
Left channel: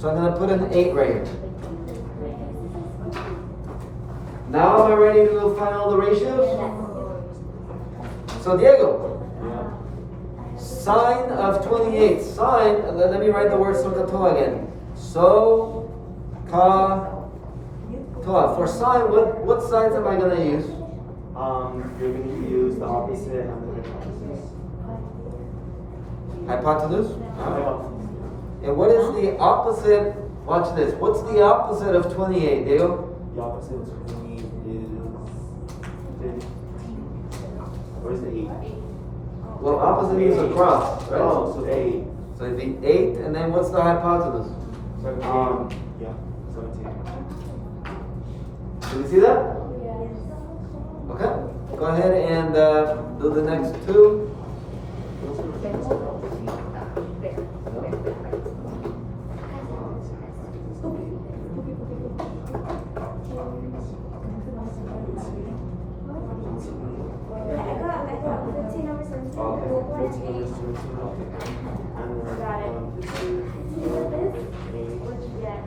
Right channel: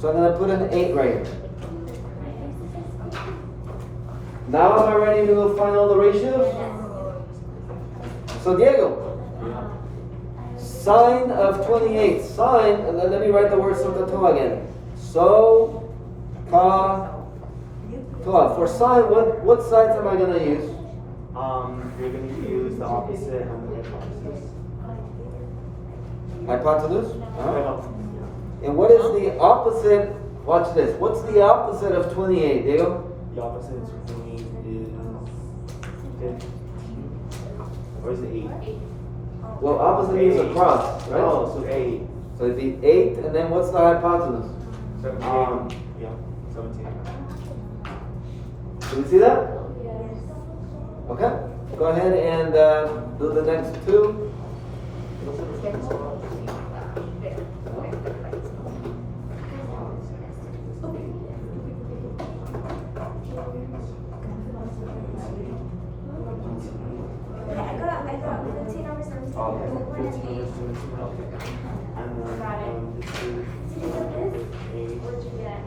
So I'm going to put an 8 right here. Now am I ready to find all the ratios? So Diego, sine of 28. Sine, let me write the word SOHCAHTOA again. SOHCAHTOA. For sine, what sides am I going to use? You're going to use the opposite and the Hypotenuse? Alright. And what is the opposite? Watch this. What's the opposite of 28, Diego? The opposite of 28 is 15. Or is it 8? Well, opposite means across, right? Oh, so 8. So it'd be 8, and then what's the hypotenuse? 17. Yeah, 17. Do you see that? Okay. Go ahead and do the next two.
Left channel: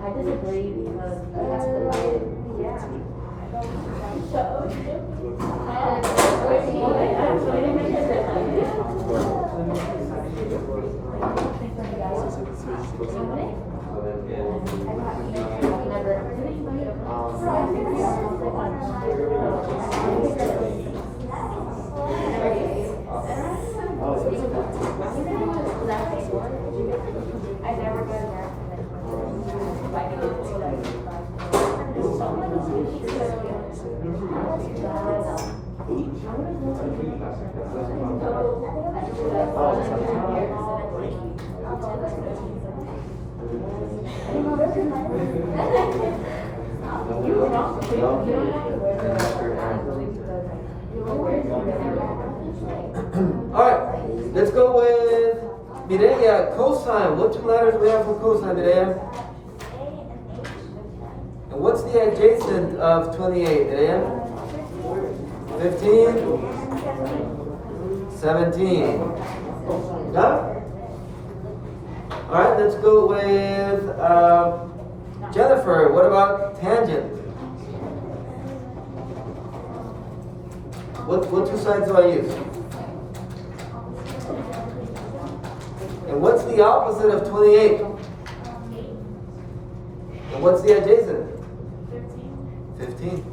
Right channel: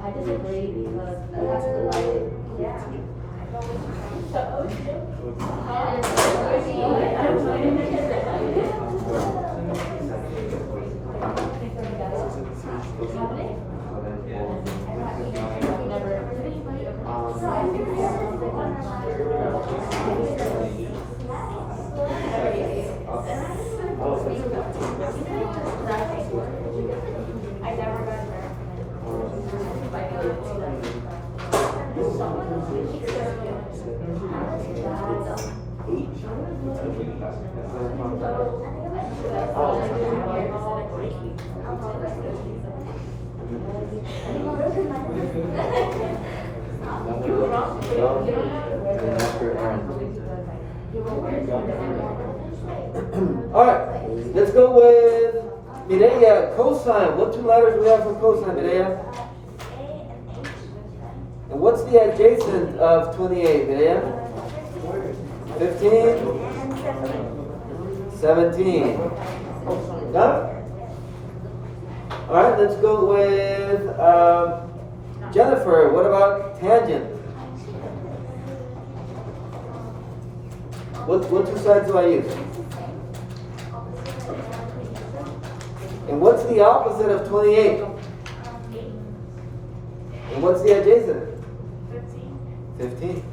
I disagree because that's the light. Alright, let's go with Mireya, cosine. What two letters do we have for cosine, Mireya? And what's the adjacent of 28, Mireya? 15? 17. Got it? Alright, let's go with Jennifer. What about tangent? What two sides do I use? And what's the opposite of 28? And what's the adjacent? 15.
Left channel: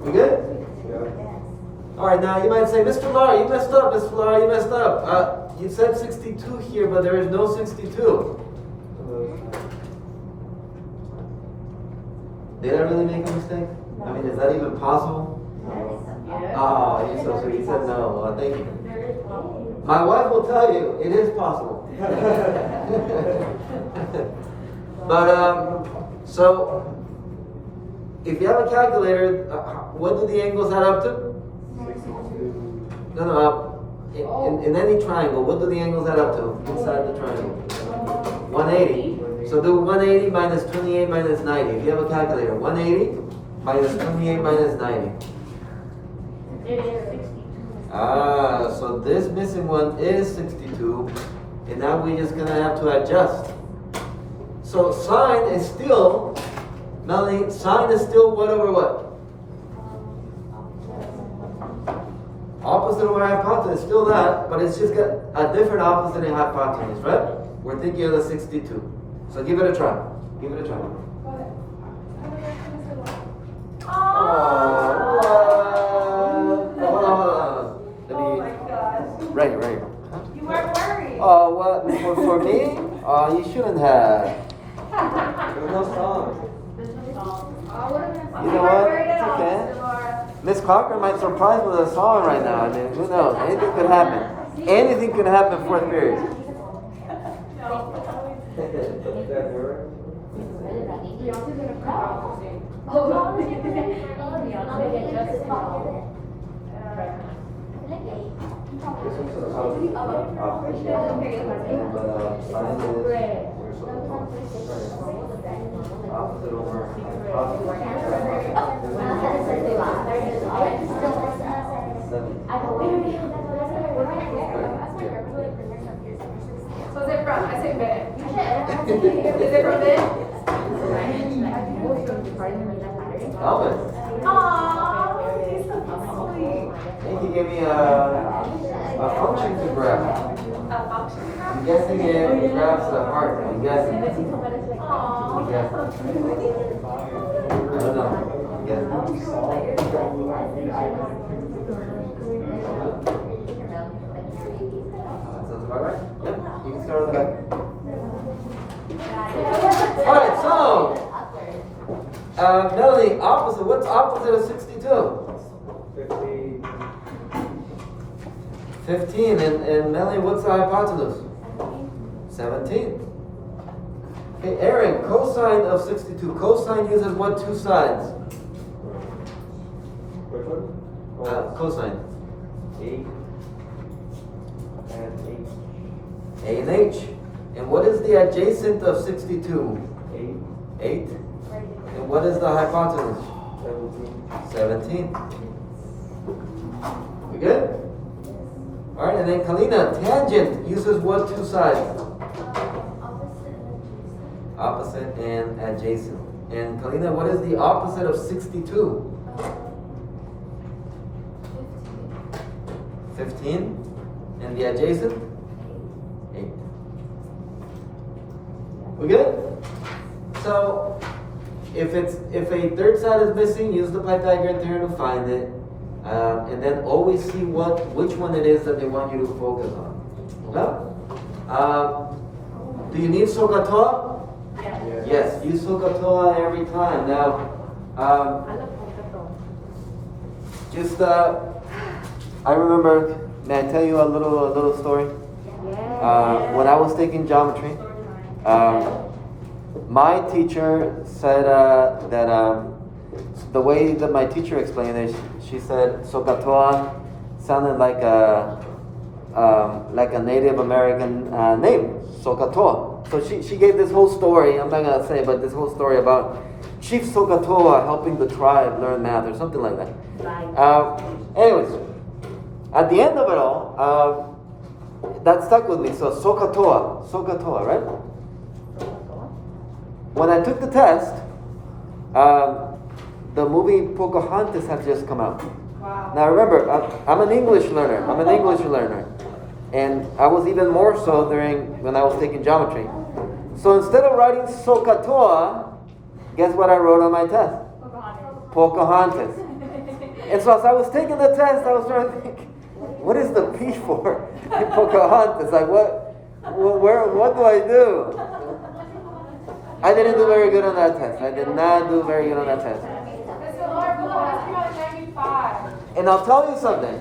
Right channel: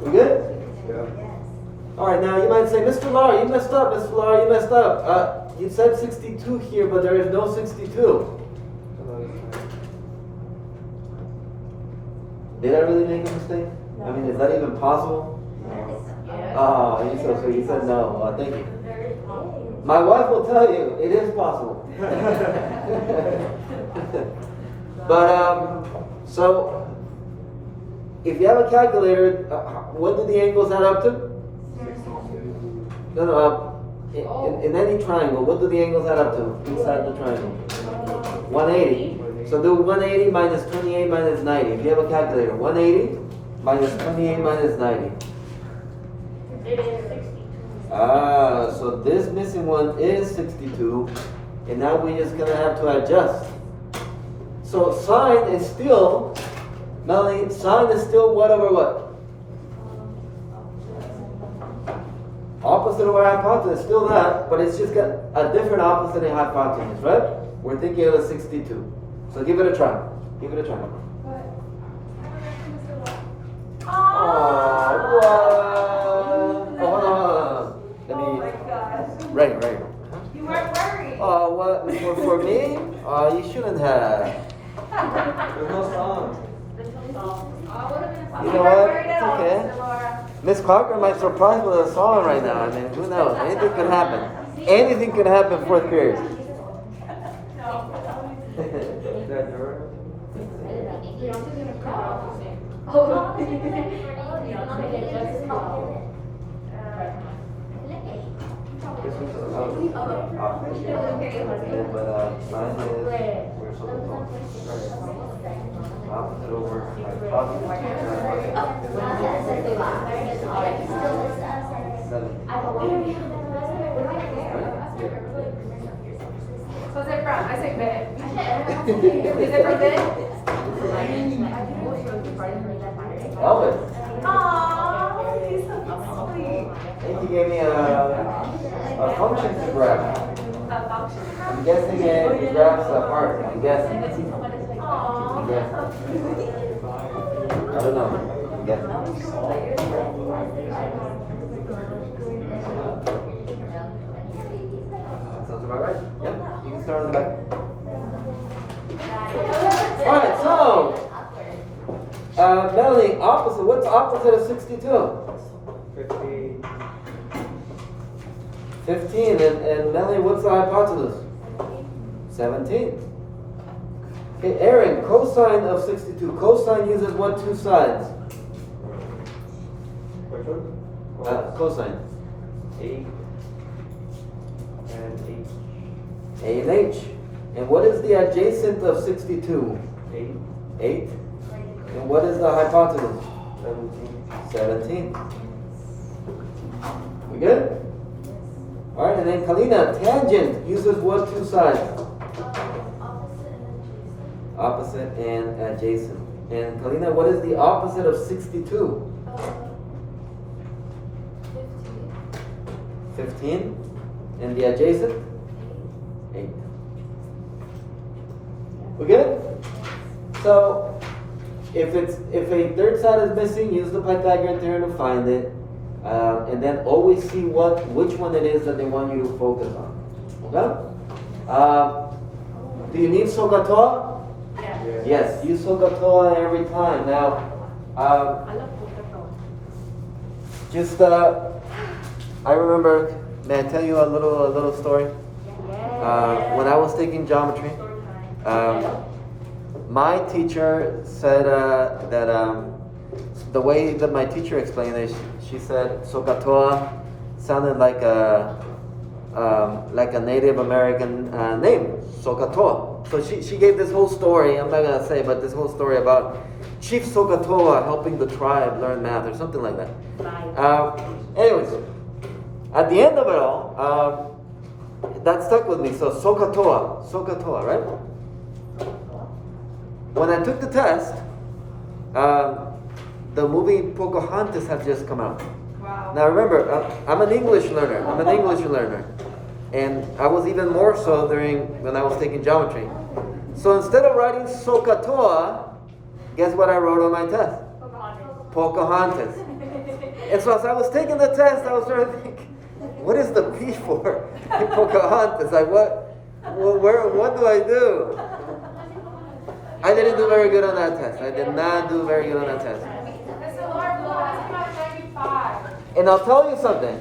We good? Alright, now you might say, Mr. Lar, you messed up, Mr. Lar, you messed up. You said 62 here, but there is no 62. Did I really make a mistake? I mean, is that even possible? Oh, you're so sweet. You said no. Thank you. My wife will tell you it is possible. But, so, if you have a calculator, what do the angles add up to? No, in any triangle, what do the angles add up to inside the triangle? 180. So do 180 minus 28 minus 90. If you have a calculator, 180 minus 28 minus 90. It is 62. So this missing one is 62, and now we're just gonna have to adjust. So sine is still, Melanie, sine is still what over what? Opposite of our hypotenuse, still that, but it's just got a different opposite in hypotenuse, right? We're thinking of the 62. So give it a try. Give it a try. Hold on. Let me. Right. You weren't worried. Oh, what? For me? Oh, you shouldn't have. You know what? It's okay. Miss Clarker might surprise with a song right now. I mean, who knows? Anything could happen. Anything could happen fourth period. So they're from, I say bed. Is it from bed? Elvis. Aww, he's so sweet. I think he gave me a function to grab. I'm guessing it grabs the heart. I'm guessing. I'm guessing. I don't know. I'm guessing. Sounds about right. Yep. You can start on the back. Alright, so Melanie, opposite. What's opposite of 62? 15. And Melanie, what's the hypotenuse? 17. Okay, Aaron, cosine of 62. Cosine uses what two sides? Which one? Cosine. A and A and H. And what is the adjacent of 62? 8, 8. And what is the hypotenuse? 17. 17. We good? Alright, and then Kalina, tangent uses what two sides? Opposite and adjacent. And Kalina, what is the opposite of 62? 15. And the adjacent? 8. We good? So, if a third side is missing, use the Pythagorean theorem to find it. And then always see which one it is that they want you to focus on. Okay? Do you need SOHCAHTOA? Yes, use SOHCAHTOA every time. Now, I remember, may I tell you a little story? When I was taking geometry, my teacher said that the way that my teacher explained it, she said SOHCAHTOA sounded like a Native American name, SOHCAHTOA. So she gave this whole story, I'm not gonna say, but this whole story about Chief SOHCAHTOA helping the tribe learn math or something like that. Anyways, at the end of it all, that stuck with me. So SOHCAHTOA, right? When I took the test, the movie Pocahontas had just come out. Wow. Now remember, I'm an English learner. And I was even more so when I was taking geometry. So instead of writing SOHCAHTOA, guess what I wrote on my test? Pocahontas. And so as I was taking the test, I was trying to think, what is the P for in Pocahontas? Like what do I do? I didn't do very good on that test. I did not do very good on that test. And I'll tell you something.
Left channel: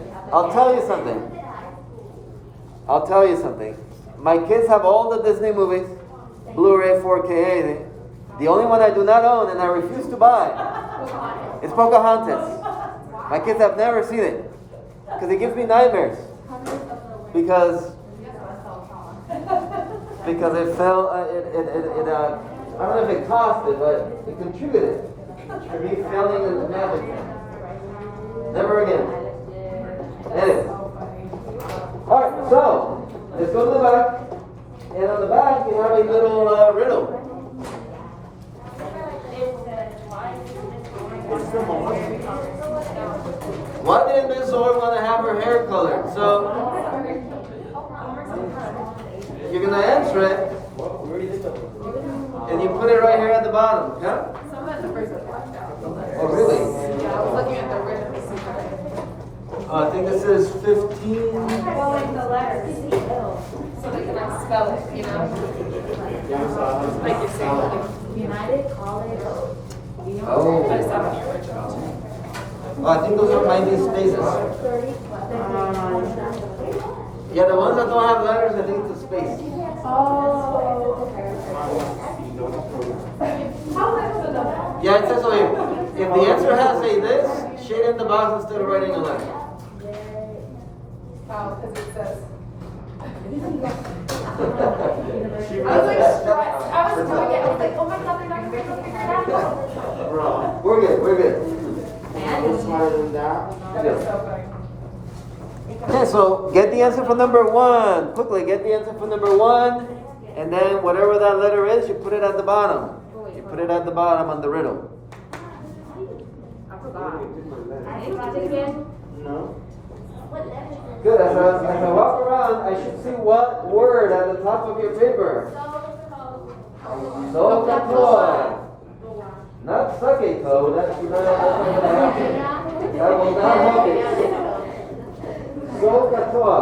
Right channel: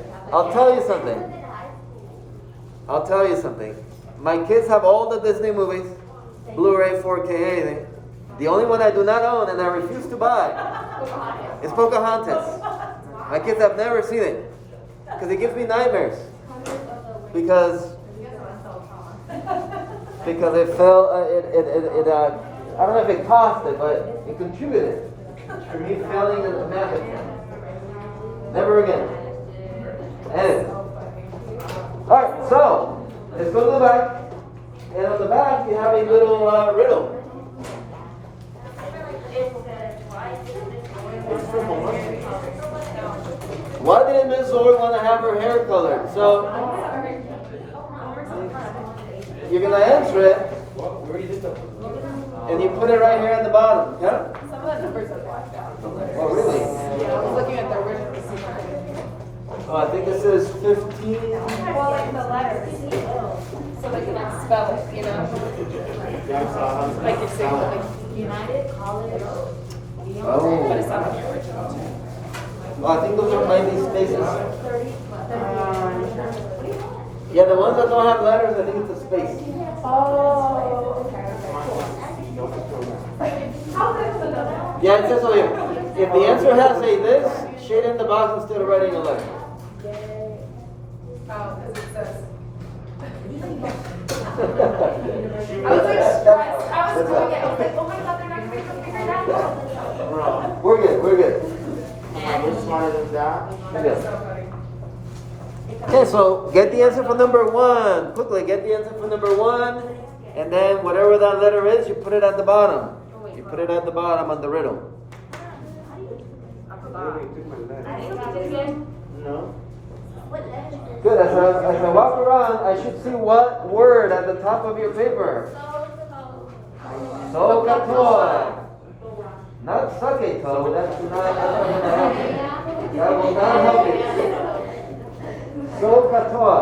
My kids have all the Disney movies, Blu-ray, 4K, anything. The only one I do not own and I refuse to buy is Pocahontas. My kids have never seen it because it gives me nightmares. Because it fell. I don't know if it cost it, but it contributed to me failing in the math exam. Never again. Anyway. Alright, so let's go to the back. And on the back you have a little riddle. Why didn't Miss Zoe want to have her hair colored? So you're gonna answer it. And you put it right here at the bottom, okay? Some of the numbers are blacked out. Oh, really? Yeah, I was looking at the original receipt. I think this is 15. Well, like the letters. So they can spell it, you know? Like it's United College. Oh. Oh, I think those are finding spaces. Yeah, the ones that don't have letters, I think it's a space. Yeah, it says so here. If the answer has a this, shade in the box instead of writing a letter. Oh, because it says. I was like stressed. I was doing it. I was like, oh my god, they're not going to figure it out. We're good. Smarter than that. Okay, so get the answer for number 1. Quickly, get the answer for number 1. And then whatever that letter is, you put it at the bottom. You put it at the bottom on the riddle. forgot. Again? No. Good, as I walk around, I should see what word at the top of your paper. Sokatoa. Not saketo, that's not, that will not help you. Sokatoa.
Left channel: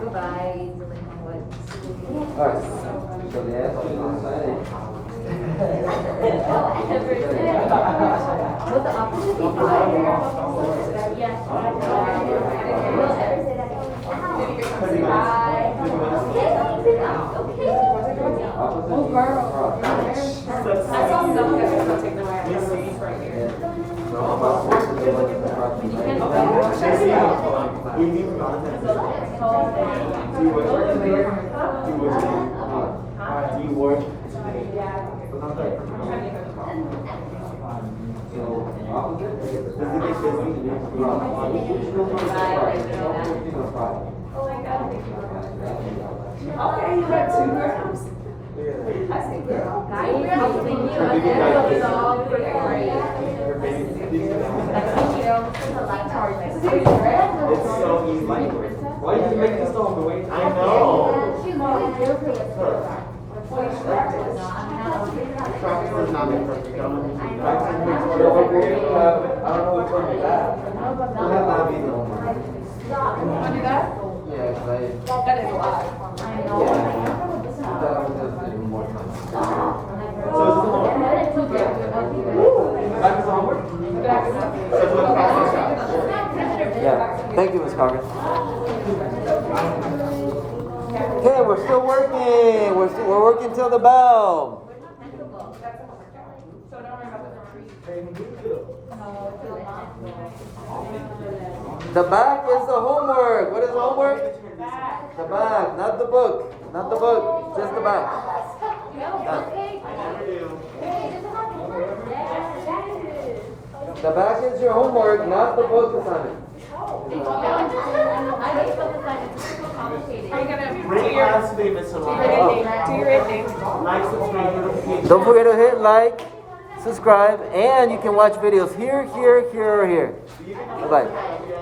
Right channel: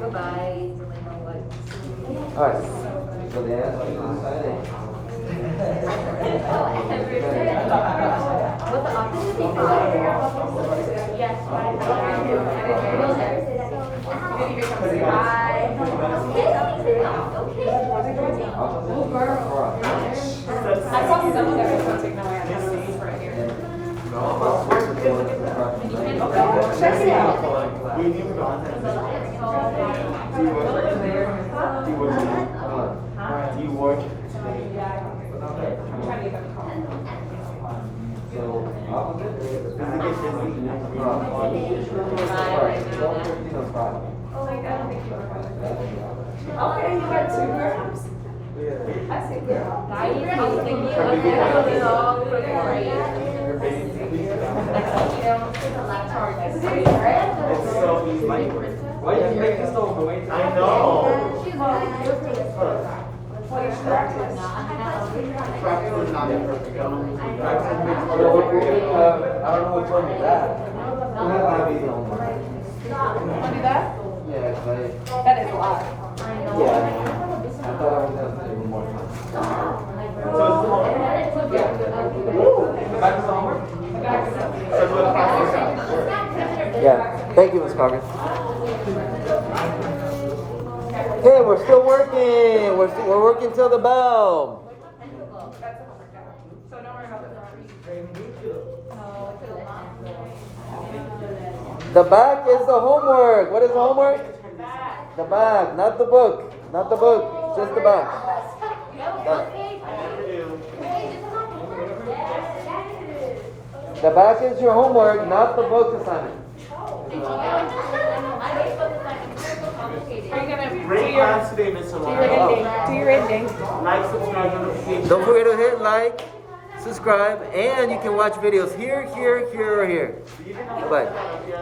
Goodbye. Alright, so they ask you to sign it. What the opposite be five? I saw some guys who take the right right here. We need content. Do you work? So, opposite? Does it get busy next week? Okay, you got 2 girls. I see girl. Guys, something you long for the grade. It's so easy. Why did you make this so overweight? I know. Practice is not imperfect. I don't know. I don't know which one is that. We'll have to have these on. Want to do that? Yeah, 'cause I, That is a lot. yeah. I thought I was gonna do more time. So it's long. Back to homework? So it's what practice. Yeah, thank you, Ms. Carter. Okay, we're still working. We're working till the bell. So now we're about to The back is the homework. What is the homework? The back, not the book. Not the book, just the back. The back is your homework, not the book assignment. Great class today, Miss do your rating. Like, subscribe, notification. Don't forget to hit like, subscribe, and you can watch videos here, here, here, or here. Bye-bye.